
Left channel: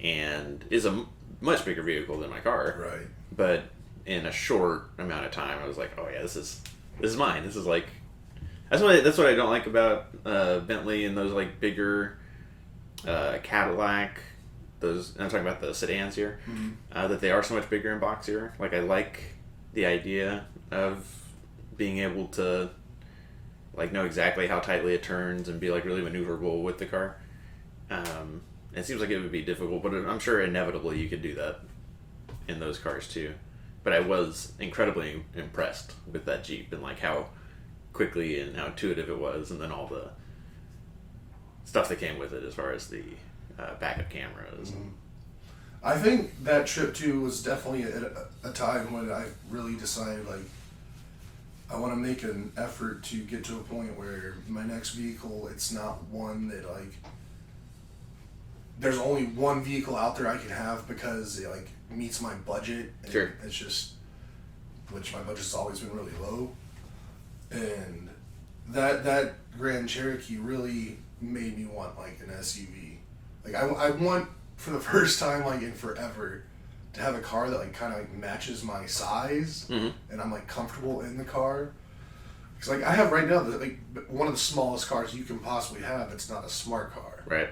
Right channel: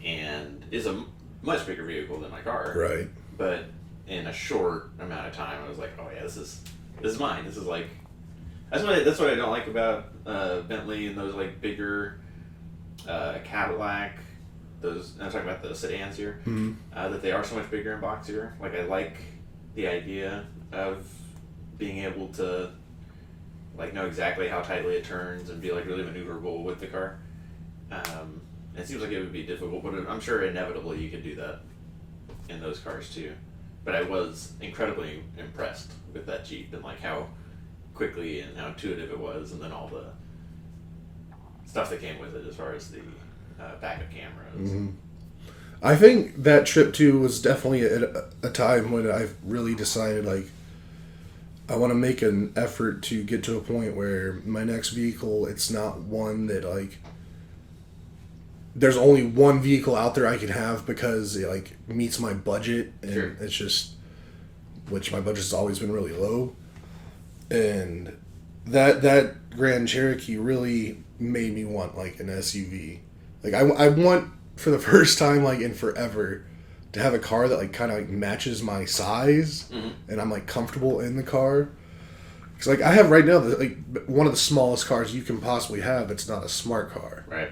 and is a much bigger vehicle than my car. Right. But in a short amount of time, I was like, oh yeah, this is mine. This is like, that's what I don't like about Bentley and those like bigger Cadillac. Those, I'm talking about the sedans here, that they are so much bigger and boxier. Like, I like the idea of being able to like know exactly how tightly it turns and be like really maneuverable with the car. It seems like it would be difficult, but I'm sure inevitably you could do that in those cars too. But I was incredibly impressed with that Jeep and like how quickly and how intuitive it was, and then all the stuff that came with it as far as the backup cameras. I think that trip too was definitely a time when I really decided like I want to make an effort to get to a point where my next vehicle, it's not one that like there's only one vehicle out there I can have because it like meets my budget, and it's just, which my budget's always been really low, and that Grand Cherokee really made me want like an SUV. Like I want for the first time like in forever to have a car that like kind of like matches my size, and I'm like comfortable in the car. Cause like I have right now like one of the smallest cars you can possibly have. It's not a smart car. Right.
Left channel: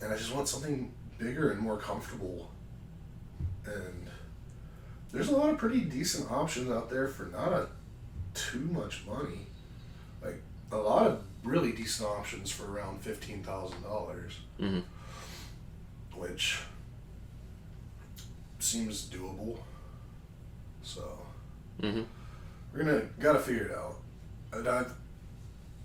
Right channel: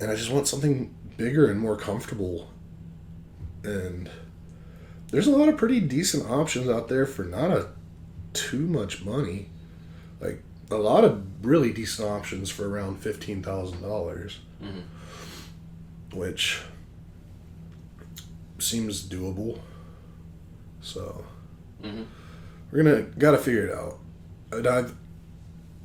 And I just want something bigger and more comfortable. And there's a lot of pretty decent options out there for not too much money. Like a lot of really decent options for around $15,000, which seems doable. So we're gotta figure it out.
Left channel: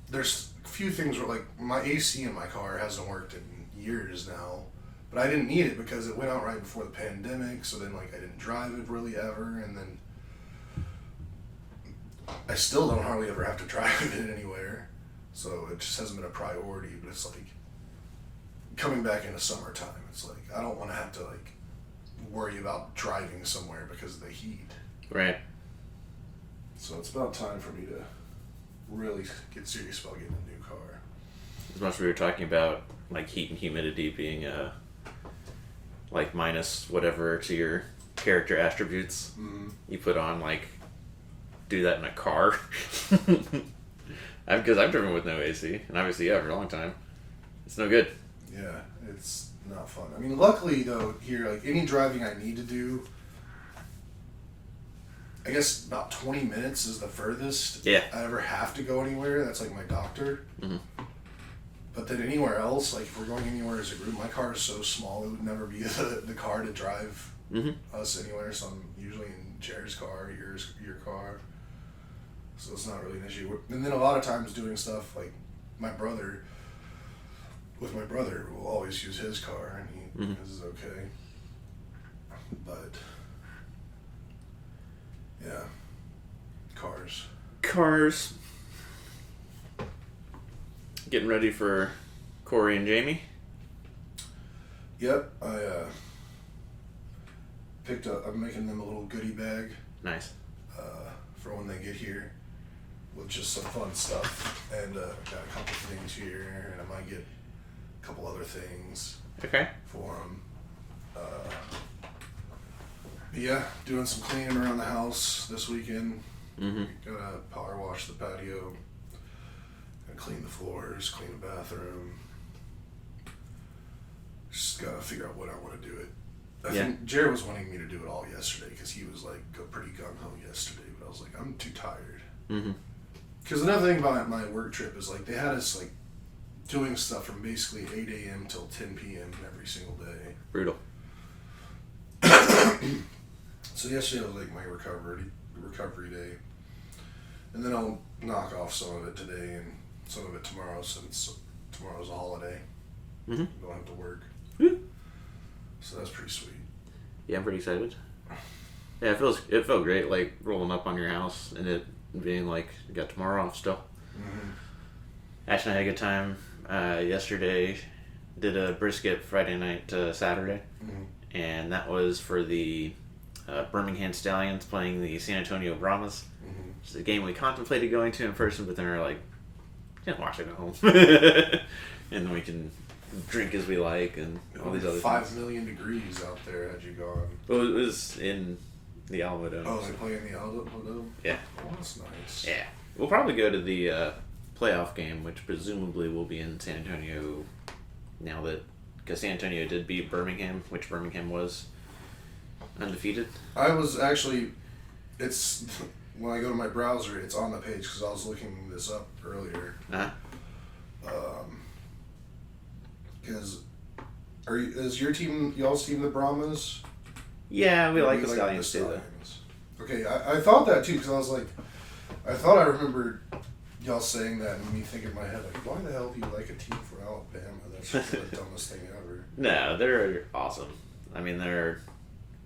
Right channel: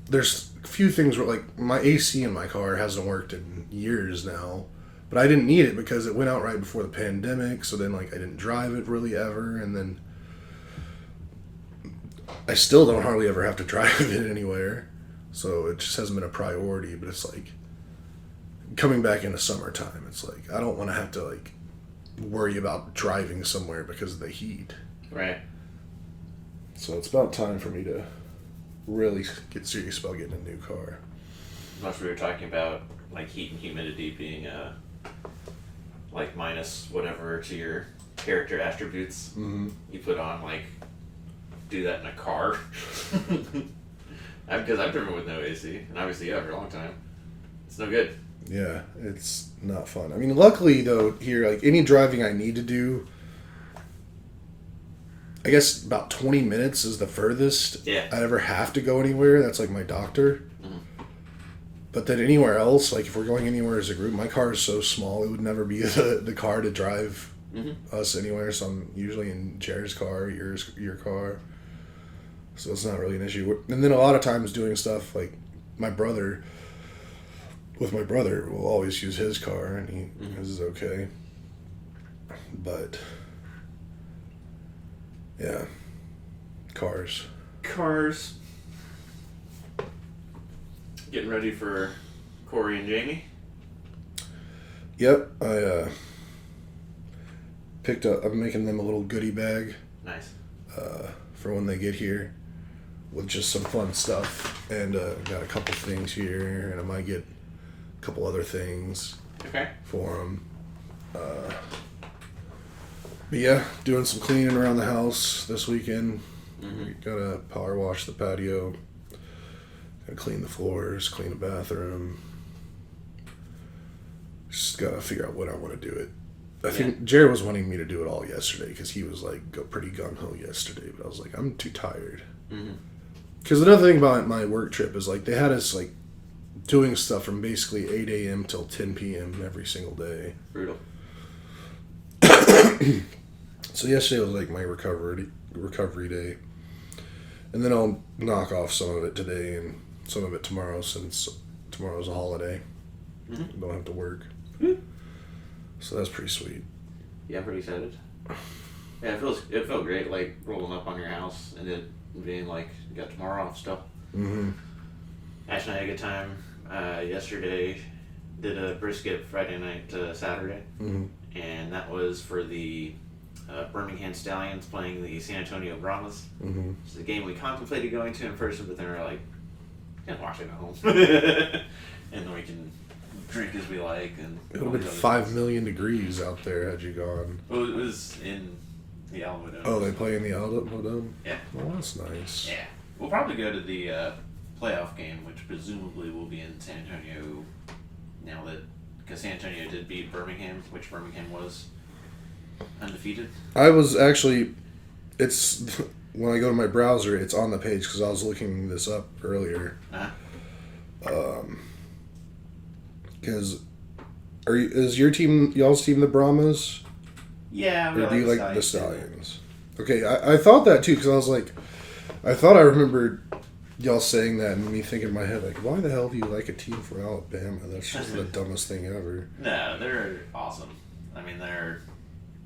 There's a few things where like my AC in my car hasn't worked in years now, but I didn't need it because it went out right before the pandemic. So then like I didn't drive it really ever, and then I still don't hardly ever have to drive it anywhere. So it just hasn't been a priority. But it's like coming back into summertime. It's like I don't want to have to like worry about driving somewhere because of the heat. Right. So it's about time for me to really get serious about getting a new car. As much as we were talking about like heat and humidity being like minus whatever to your character attributes, you put on like do that in a car. Because I've driven with no AC, and obviously for a long time. It's no good. Yeah, it's not fun. I mean, luckily though, here like any driving I need to do, I guess about 20 minutes is the furthest I ever have to go anywhere. That's like my doctor. But then anywhere else, like if we're going anywhere as a group, my car is so small it would never be the car to drive us anywhere. So I'm usually in Jared's car, your car. So it's not really an issue. And then a lot of times doing stuff like my brother will always use his car, and his is okay. But yeah, cars. Getting ready for Corey and Jamie. Yep, I picked up. I'm making them a little goodie bag. Nice. For when they get here, with just some fun stuff, and got a couple things here, and I might get a couple other things. Okay. For them. But yeah, doing some cleaning around the house this weekend. Gotta power wash the patio. Gotta clean the floors, clean the bathroom. Just gotta figure out when I want to do it. I think Jared was wanting me to do it all yesterday because he was like pretty gung-ho yesterday, but I was like, I'm too tired. Because another thing about my work trip is like they had us like doing stuff from basically 8 a.m. till 10 p.m. every single day. Brutal. So yesterday was like my recovery day. And then I'll knock off some of it today and some of it tomorrow since tomorrow's a holiday. Don't have to work. So that's pretty sweet. Yeah, I'm pretty excited. Yeah, it felt great, like rolling up on your house and it being like you got tomorrow off still. Ash and I had a good time yesterday. Did a brisket Friday night to Saturday, and that was for the Birmingham Stallions playing the San Antonio Brahmas. It's a game we contemplated going to in person, but then we were like, can't watch it at home, and then we can drink as we like. And it would be 5 million degrees out there had you gone. Well, it was in the Alamo Dome. Oh, they play in the Alamo Dome? Yeah. Oh, that's nice. Yeah. We'll probably go to the playoff game, which presumably will be in San Antonio now because San Antonio did beat Birmingham, which Birmingham was undefeated. I was actually, when I go to my browser, it's on the page because I was looking this up earlier. Because is y'all's team the Brahmas? Yeah, we like the Stallions. Okay, I thought that too because I was like, I thought I remembered y'all saying that and made me think in my head like, why the hell do you like a team from Alabama? That's just the dumbest thing ever. No, they're awesome. I mean, they're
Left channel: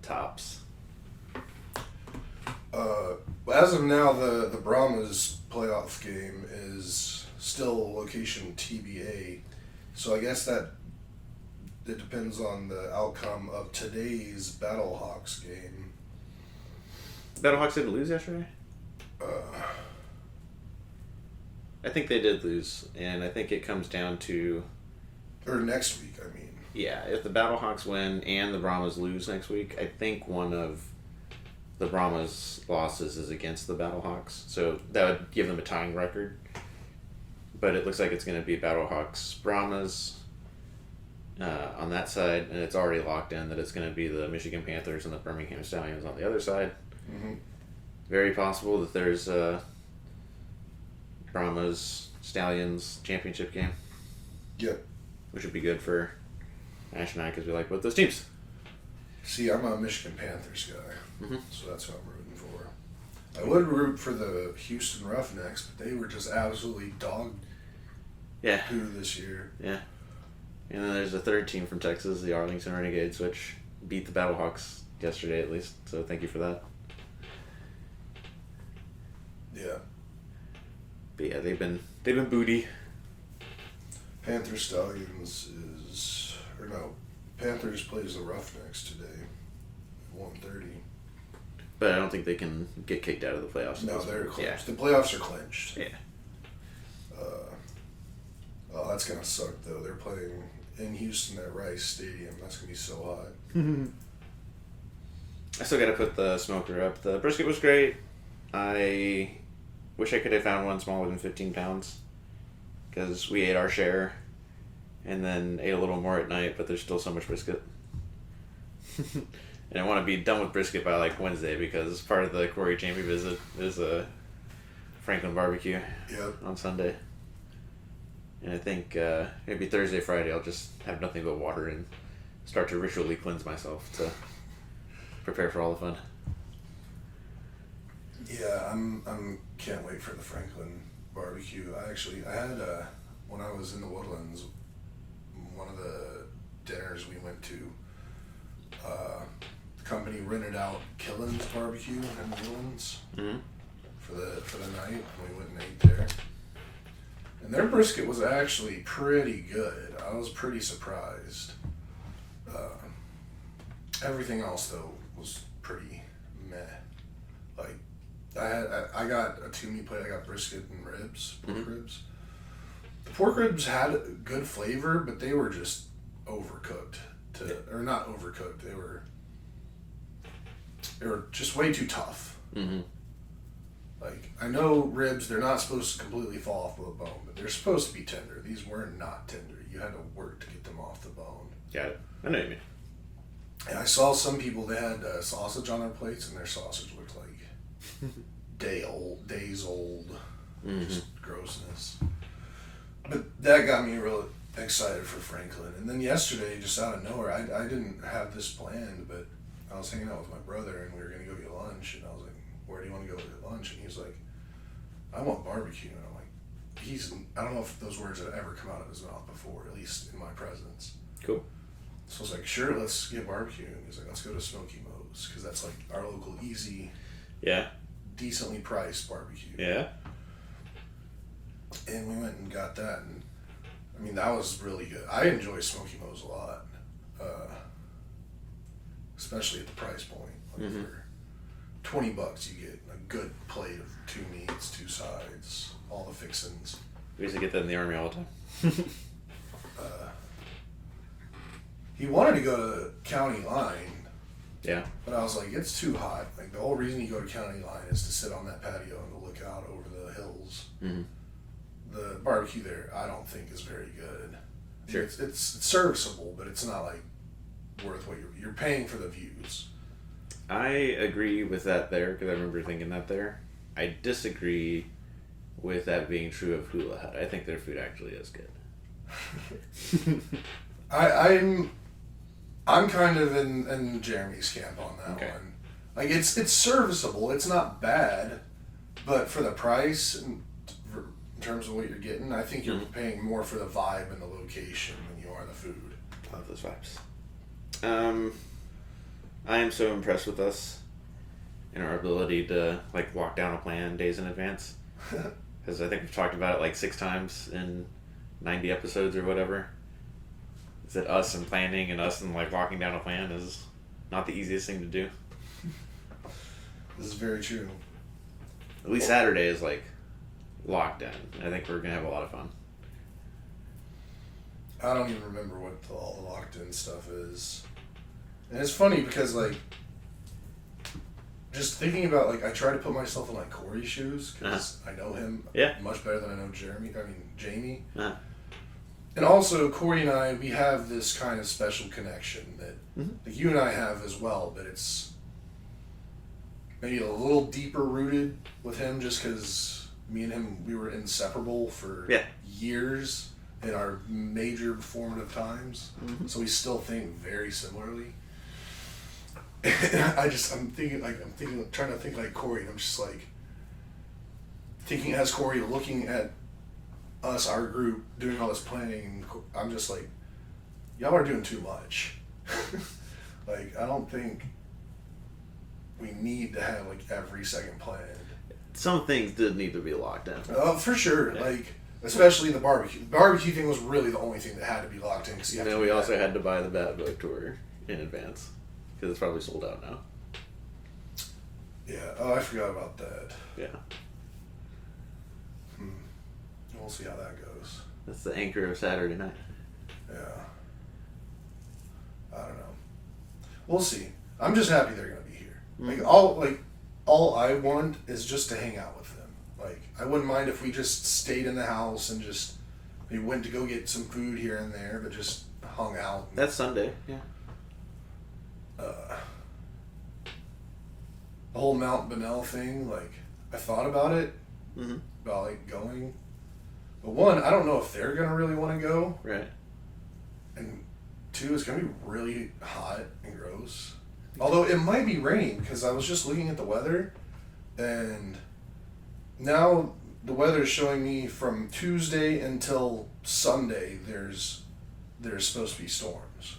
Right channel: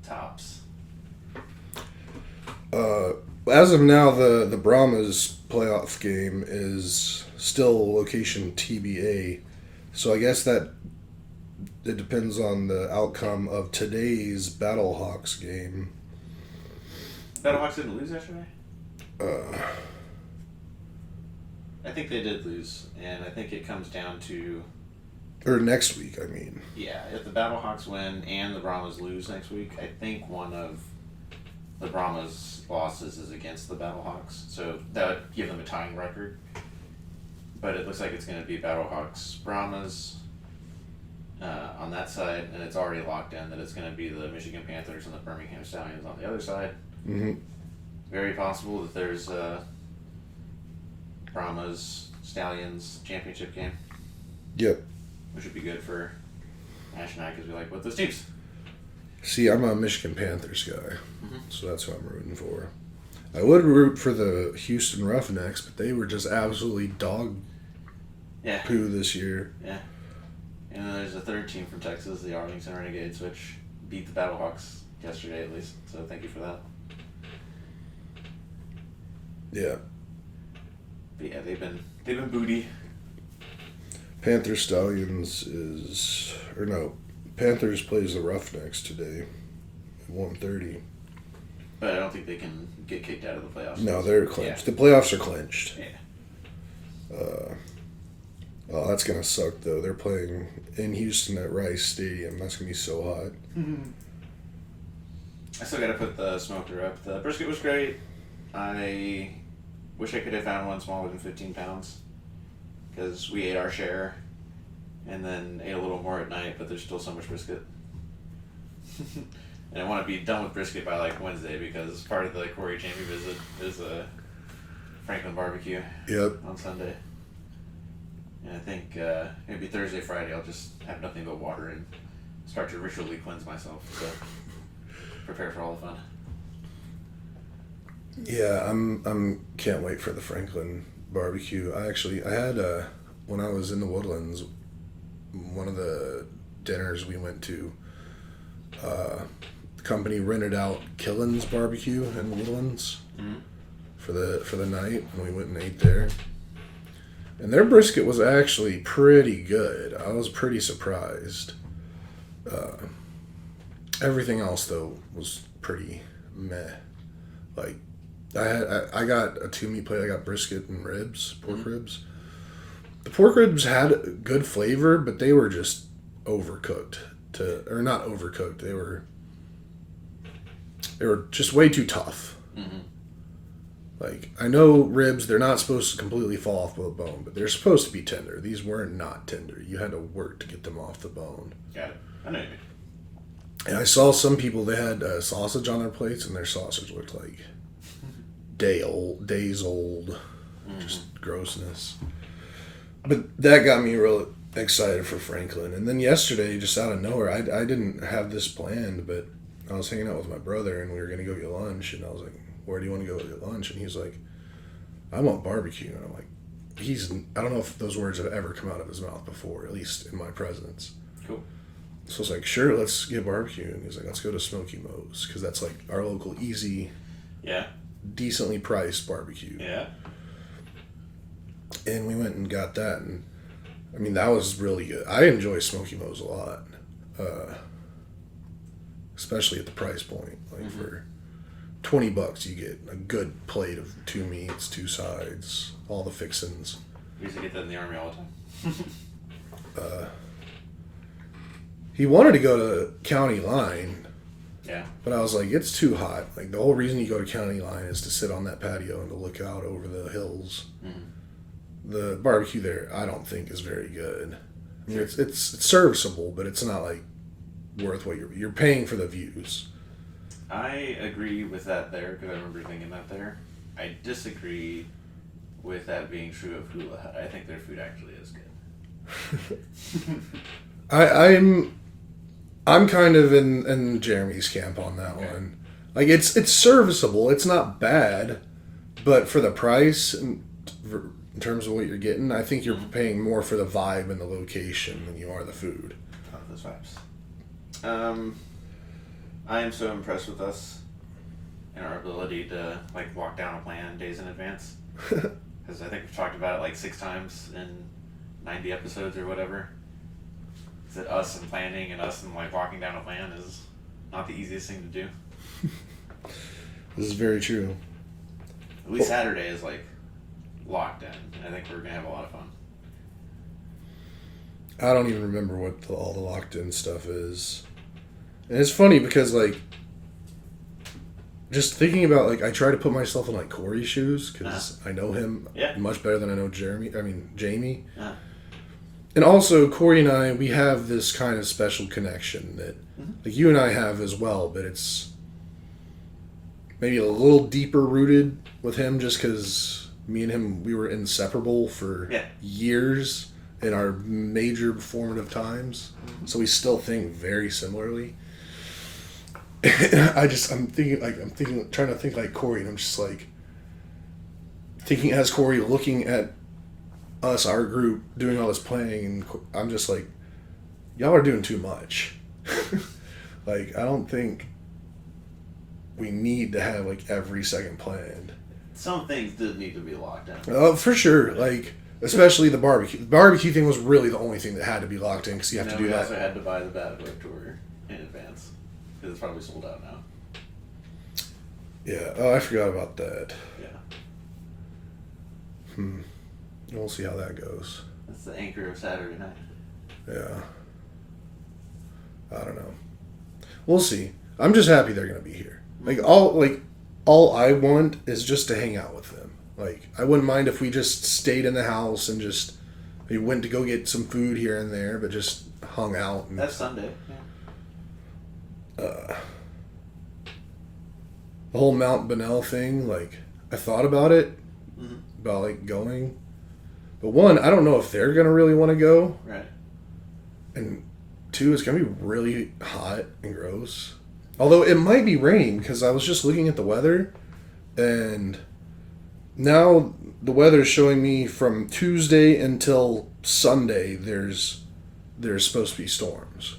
tops. As of now, the Brahmas playoff game is still location TBA. So I guess that it depends on the outcome of today's Battlehawks game. Battlehawks didn't lose yesterday? I think they did lose, and I think it comes down to... Or next week, I mean. Yeah, if the Battlehawks win and the Brahmas lose next week, I think one of the Brahmas' losses is against the Battlehawks. So that would give them a tying record. But it looks like it's going to be Battlehawks, Brahmas, on that side, and it's already locked in that it's going to be the Michigan Panthers and the Birmingham Stallions on the other side. Mm-hmm. Very possible that there's Brahma's Stallions championship game. Yep. Which would be good for Ash and I because we like both those teams. See, I'm a Michigan Panthers guy, Mm-hmm. so that's what I'm rooting for. I would root for the Houston Roughnecks, but they were just absolutely dog poo this year. Yeah. And then there's a third team from Texas, the Arlington Renegades, which beat the Battlehawks yesterday at least. So thank you for that. Yeah. But yeah, they've been booty. Panthers Stallions Panthers plays the Roughnecks today at 1:30. But I don't think they can get kicked out of the playoffs. No, they're clinched. Yeah. The playoffs are clinched. Yeah. Oh, that's gonna suck though. They're playing in Houston at Rice Stadium. That's gonna be so hot. I still gotta put the smoker up. The brisket was great. I wish I could have found one smaller than 15 pounds. Because we ate our share. And then ate a little more at night, but there's still so much brisket. And I want to be done with brisket by like Wednesday because part of the Corey Jamie visit is a Franklin barbecue. Yep. On Sunday. And I think maybe Thursday, Friday, I'll just have nothing but water and start to ritually cleanse myself to prepare for all the fun. Yeah, I'm can't wait for the Franklin barbecue. I had when I was in the Woodlands, one of the dinners we went to, the company rented out Killen's Barbecue in the Woodlands for the night, and we went and ate there. And their brisket was actually pretty good. I was pretty surprised. Everything else though was pretty meh. Like I got a 2-meat plate. I got brisket and ribs, pork ribs. The pork ribs had good flavor, but they were just overcooked. Or not overcooked. They were just way too tough. Mm-hmm. Like, I know ribs, they're not supposed to completely fall off the bone, but they're supposed to be tender. These weren't not tender. You had to work to get them off the bone. Got it. I know what you mean. And I saw some people, they had sausage on their plates, and their sausage looked like days old. Just grossness. But that got me real excited for Franklin. And then yesterday, just out of nowhere, I didn't have this planned, but I was hanging out with my brother, and we were going to go get lunch, and I was like, where do you want to go get lunch? And he's like, I want barbecue. And I'm like, I don't know if those words have ever come out of his mouth before, at least in my presence. Cool. So I was like, sure, let's get barbecue. And he's like, let's go to Smoky Mo's, because that's like our local easy, decently priced barbecue. Yeah. And we went and got that, and I mean, that was really good. I enjoy Smoky Mo's a lot, especially at the price point. Like for $20, you get a good plate of 2 meats, 2 sides, all the fixins. We used to get that in the Army all the time. He wanted to go to County Line. Yeah. But I was like, it's too hot. Like, the whole reason you go to County Line is to sit on that patio and to look out over the hills. Mm-hmm. The barbecue there, I don't think is very good. Sure. It's serviceable, but it's not like worth what you're paying for the views. I agree with that there because I remember thinking that there. I disagree with that being true of Hula Hut. I think their food actually is good. I'm kind of in Jeremy's camp on that one. Like, it's serviceable. It's not bad, but for the price in terms of what you're getting, I think you're paying more for the vibe and the location than you are the food. I love those vibes. I am so impressed with us and our ability to like walk down a plan days in advance. Because I think we've talked about it like 6 times in 90 episodes or whatever. Is that us and planning and us and like walking down a plan is not the easiest thing to do. This is very true. At least Saturday is like locked in, and I think we're gonna have a lot of fun. I don't even remember what all the locked in stuff is. And it's funny because, like, just thinking about, like, I try to put myself in, like, Corey's shoes because I know him much better than I know Jamie. And also, Corey and I, we have this kind of special connection that like you and I have as well, but it's maybe a little deeper rooted with him just because me and him, we were inseparable for years in our major formative times. So we still think very similarly. I'm trying to think like Corey, and I'm just like thinking as Corey, looking at us, our group, doing all this planning, and I'm just like, y'all are doing too much. Like, I don't think we need to have like every second planned. Some things did need to be locked in. For sure. Like, especially the barbecue. The barbecue thing was really the only thing that had to be locked in because you have to do we also had to buy the Bad Boy Tour in advance because it's probably sold out now. Yeah. Oh, I forgot about that. Yeah. We'll see how that goes. That's the anchor of Saturday night. Yeah. I don't know. We'll see. I'm just happy they're gonna be here. All I want is just to hang out with them. Like, I wouldn't mind if we just stayed in the house and just we went to go get some food here and there, but just hung out. And, that's Sunday. Yeah. The whole Mount Bonnell thing, like, I thought about it, about like going, but one, I don't know if they're gonna really want to go. Right. And two, it's gonna be really hot and gross. Although it might be raining because I was just looking at the weather, and now the weather is showing me from Tuesday until Sunday there's supposed to be storms.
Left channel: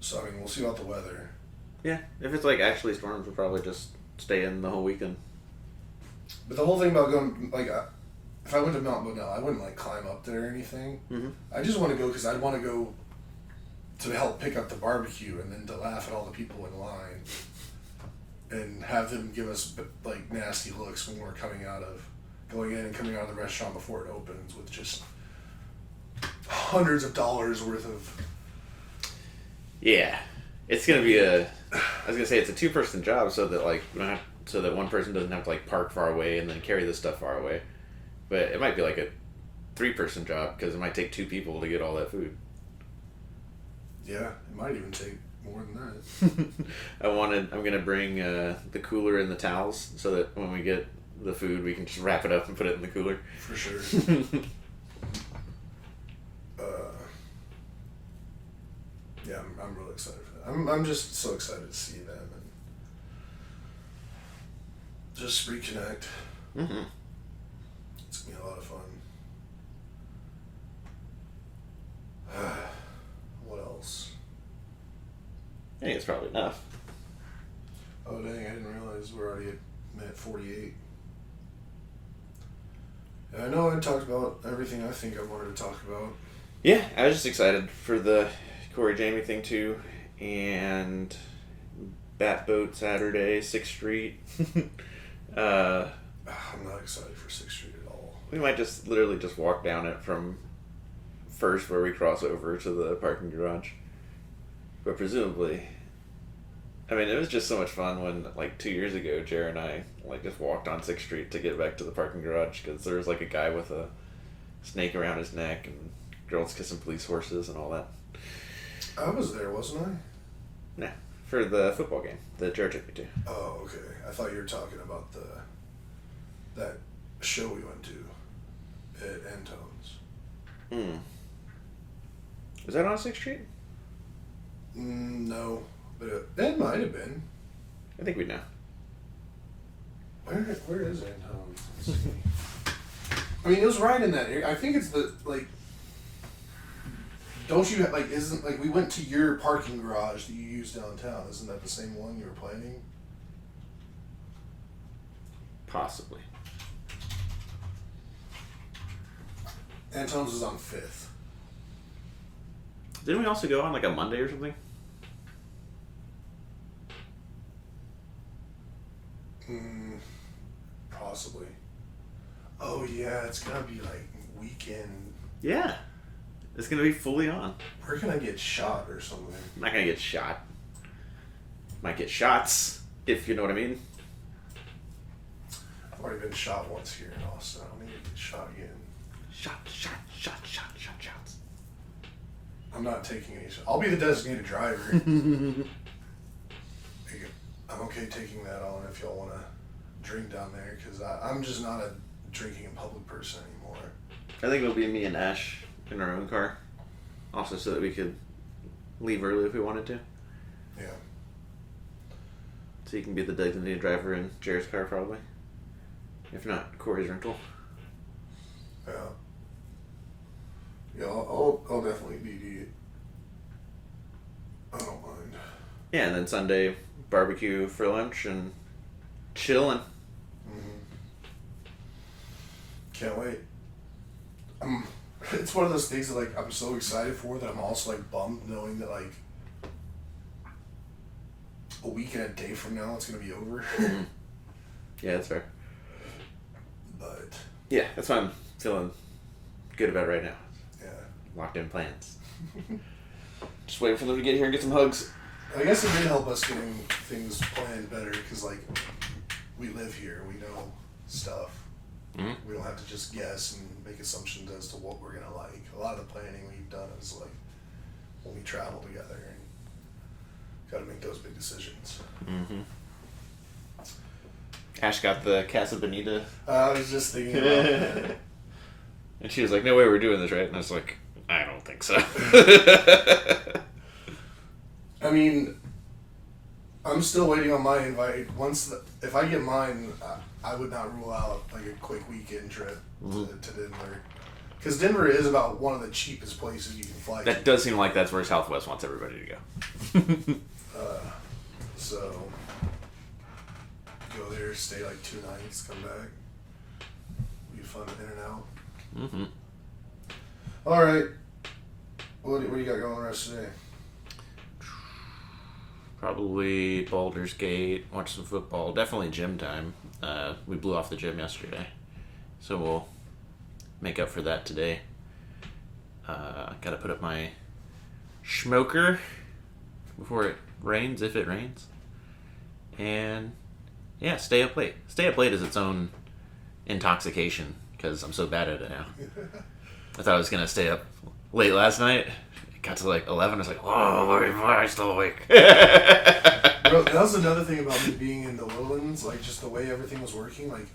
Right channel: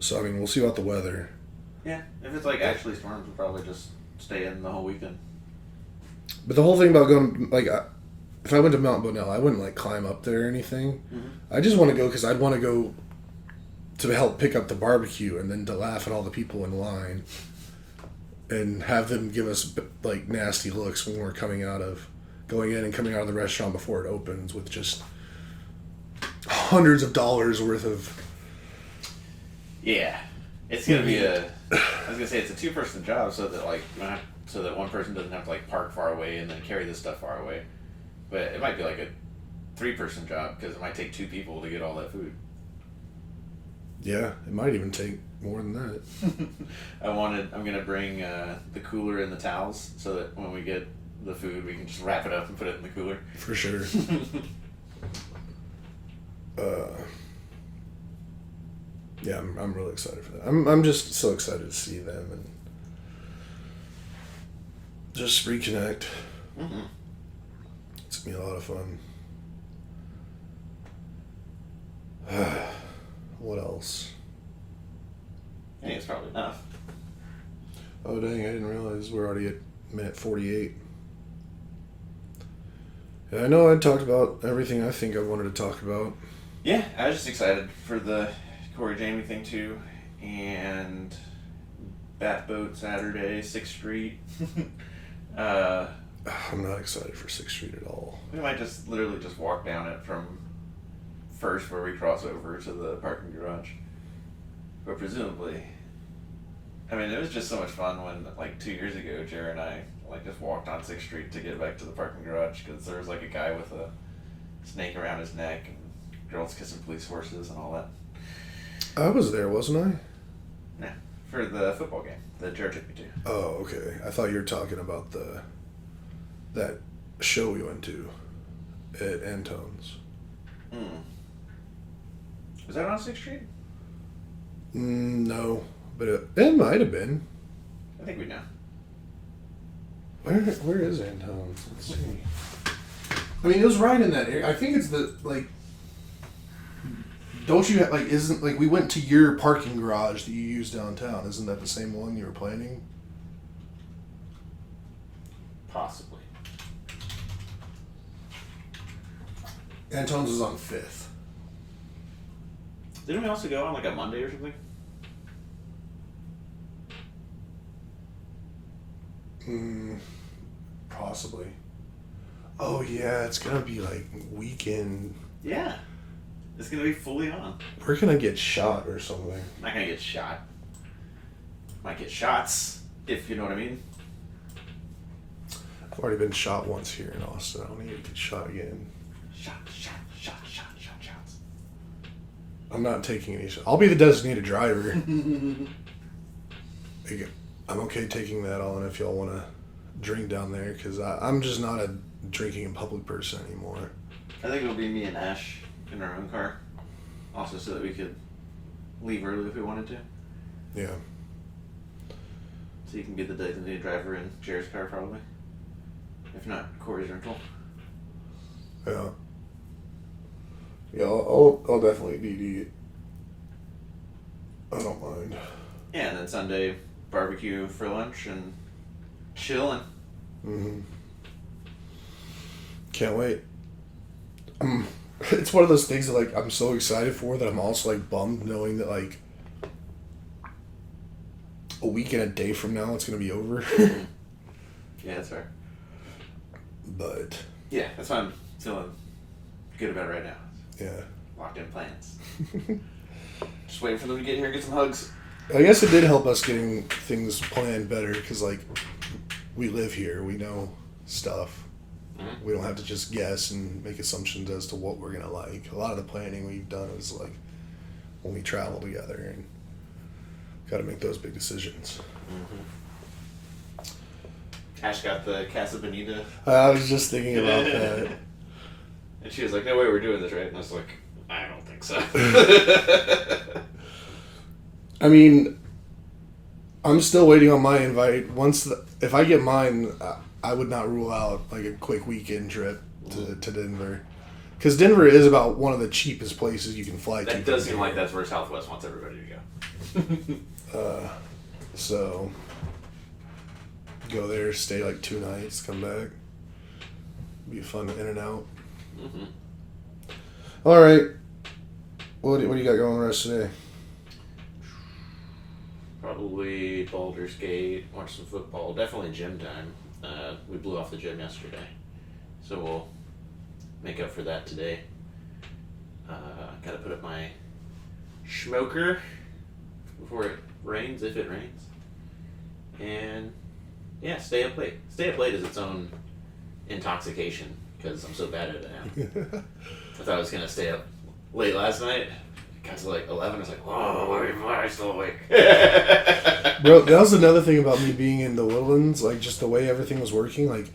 So I mean, we'll see about the weather. Yeah, if it's like actually storms, we'll probably just stay in the whole weekend. But the whole thing about going, like, if I went to Mount Bonnell, I wouldn't like climb up there or anything. I just want to go because I'd want to go to help pick up the barbecue and then to laugh at all the people in line and have them give us like nasty looks when we're going in and coming out of the restaurant before it opens with just hundreds of dollars worth of. Yeah, it's gonna be I was gonna say it's a 2-person job, so that like so that one person doesn't have to like park far away and then carry the stuff far away. But it might be like a 3-person job because it might take 2 people to get all that food. Yeah, it might even take more than that. I'm gonna bring the cooler and the towels so that when we get the food, we can just wrap it up and put it in the cooler. For sure. Yeah, I'm really excited for that. I'm just so excited to see them and just reconnect. It's gonna be a lot of fun. What else? I think it's probably enough. Oh dang, I didn't realize we're already at minute 48. Yeah, I know I talked about everything I think I wanted to talk about. Yeah, I was just excited for the Corey Jamie thing too, and Bat Boat Saturday, 6th Street. I'm not excited for 6th Street at all. We might just literally just walk down it from first where we cross over to the parking garage. But presumably, I mean, it was just so much fun when, like, 2 years ago, Jared and I, like, just walked on 6th Street to get back to the parking garage because there was, like, a guy with a snake around his neck and girls kissing police horses and all that. I was there, wasn't I? Yeah, for the football game that Jared took me to. Oh, okay. I thought you were talking about that show we went to at Antone's. Was that on 6th Street? No, but it might have been. I think we know. Where is Antone's? Let's see. I mean, it was right in that area. I think it's the, like, don't you, like, isn't, like, we went to your parking garage that you use downtown. Isn't that the same one you were planning? Possibly. Antone's was on 5th. Didn't we also go on, like, a Monday or something? Possibly. Oh, yeah, it's gonna be, like, weekend. Yeah. It's gonna be fully on. We're gonna get shot or something. I'm not gonna get shot. Might get shots, if you know what I mean. I've already been shot once here in Austin. I don't need to get shot again. Shots. I'm not taking any shots. I'll be the designated driver. I'm okay taking that on if y'all want to drink down there, because I'm just not a drinking in public person anymore. I think it'll be me and Ash in our own car. Also so that we could leave early if we wanted to. Yeah. So you can be the designated driver in Jared's car probably. If not, Corey's rental. Yeah. Yeah, I'll definitely DD it. I don't mind. Yeah, and then Sunday, barbecue for lunch and chilling. Mm-hmm. Can't wait. It's one of those things that, like, I'm so excited for that I'm also, like, bummed knowing that, like, a week and a day from now it's going to be over. Yeah, that's fair. But... yeah, that's why I'm feeling good about it right now. yeah. Locked in plans. Just waiting for them to get here and get some hugs. I guess it did help us getting things planned better because, like, we live here. We know stuff. Mm-hmm. We don't have to just guess and make assumptions as to what we're going to like. A lot of the planning we've done is, like, when we travel together and got to make those big decisions. Mm-hmm. Ash got the Casa Bonita. I was just thinking about that. And she was like, no way we're doing this, right? And I was like, I don't think so. I mean, I'm still waiting on my invite. If I get mine, I would not rule out like a quick weekend trip to Denver, because Denver is about one of the cheapest places you can fly. That does seem like that's where Southwest wants everybody to go. So go there, stay like 2 nights, come back. Be fun in and out. Mm-hmm. All right. What do you got going the rest of the day? Probably Baldur's Gate, watch some football. Definitely gym time. We blew off the gym yesterday, so we'll make up for that today. Gotta put up my smoker before it rains, if it rains. And yeah, stay up late. Stay up late is its own intoxication because I'm so bad at it now. I thought I was gonna stay up late last night. It got to like 11. I was like, oh, why am I still awake? Bro, that was another thing about me being in the Woodlands, like just the way everything was working. Like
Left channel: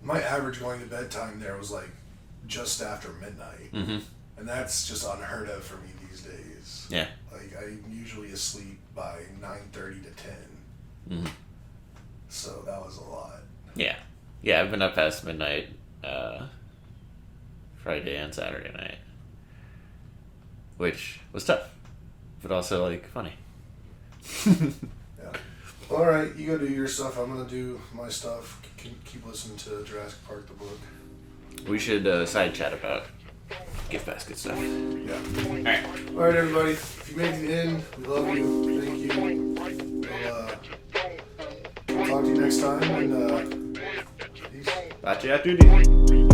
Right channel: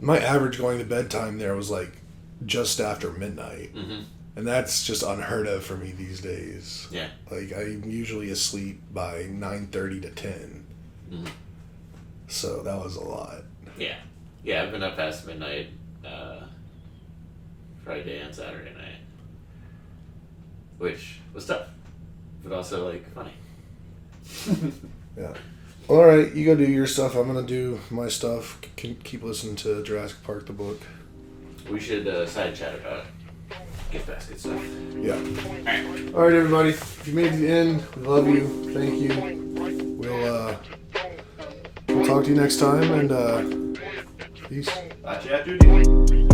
my average going to bedtime there was like just after midnight, and that's just unheard of for me these days. Yeah, like I'm usually asleep by 9:30 to 10. So that was a lot. Yeah, I've been up past midnight, Friday and Saturday night, which was tough, but also like funny. Yeah. All right, you go do your stuff. I'm gonna do my stuff. Keep listening to Jurassic Park the book. We should side chat about gift basket stuff. Yeah. Alright. All right, everybody. If you made it to the end, we love you. Thank you. We'll talk to you next time, and peace. Bye, dude.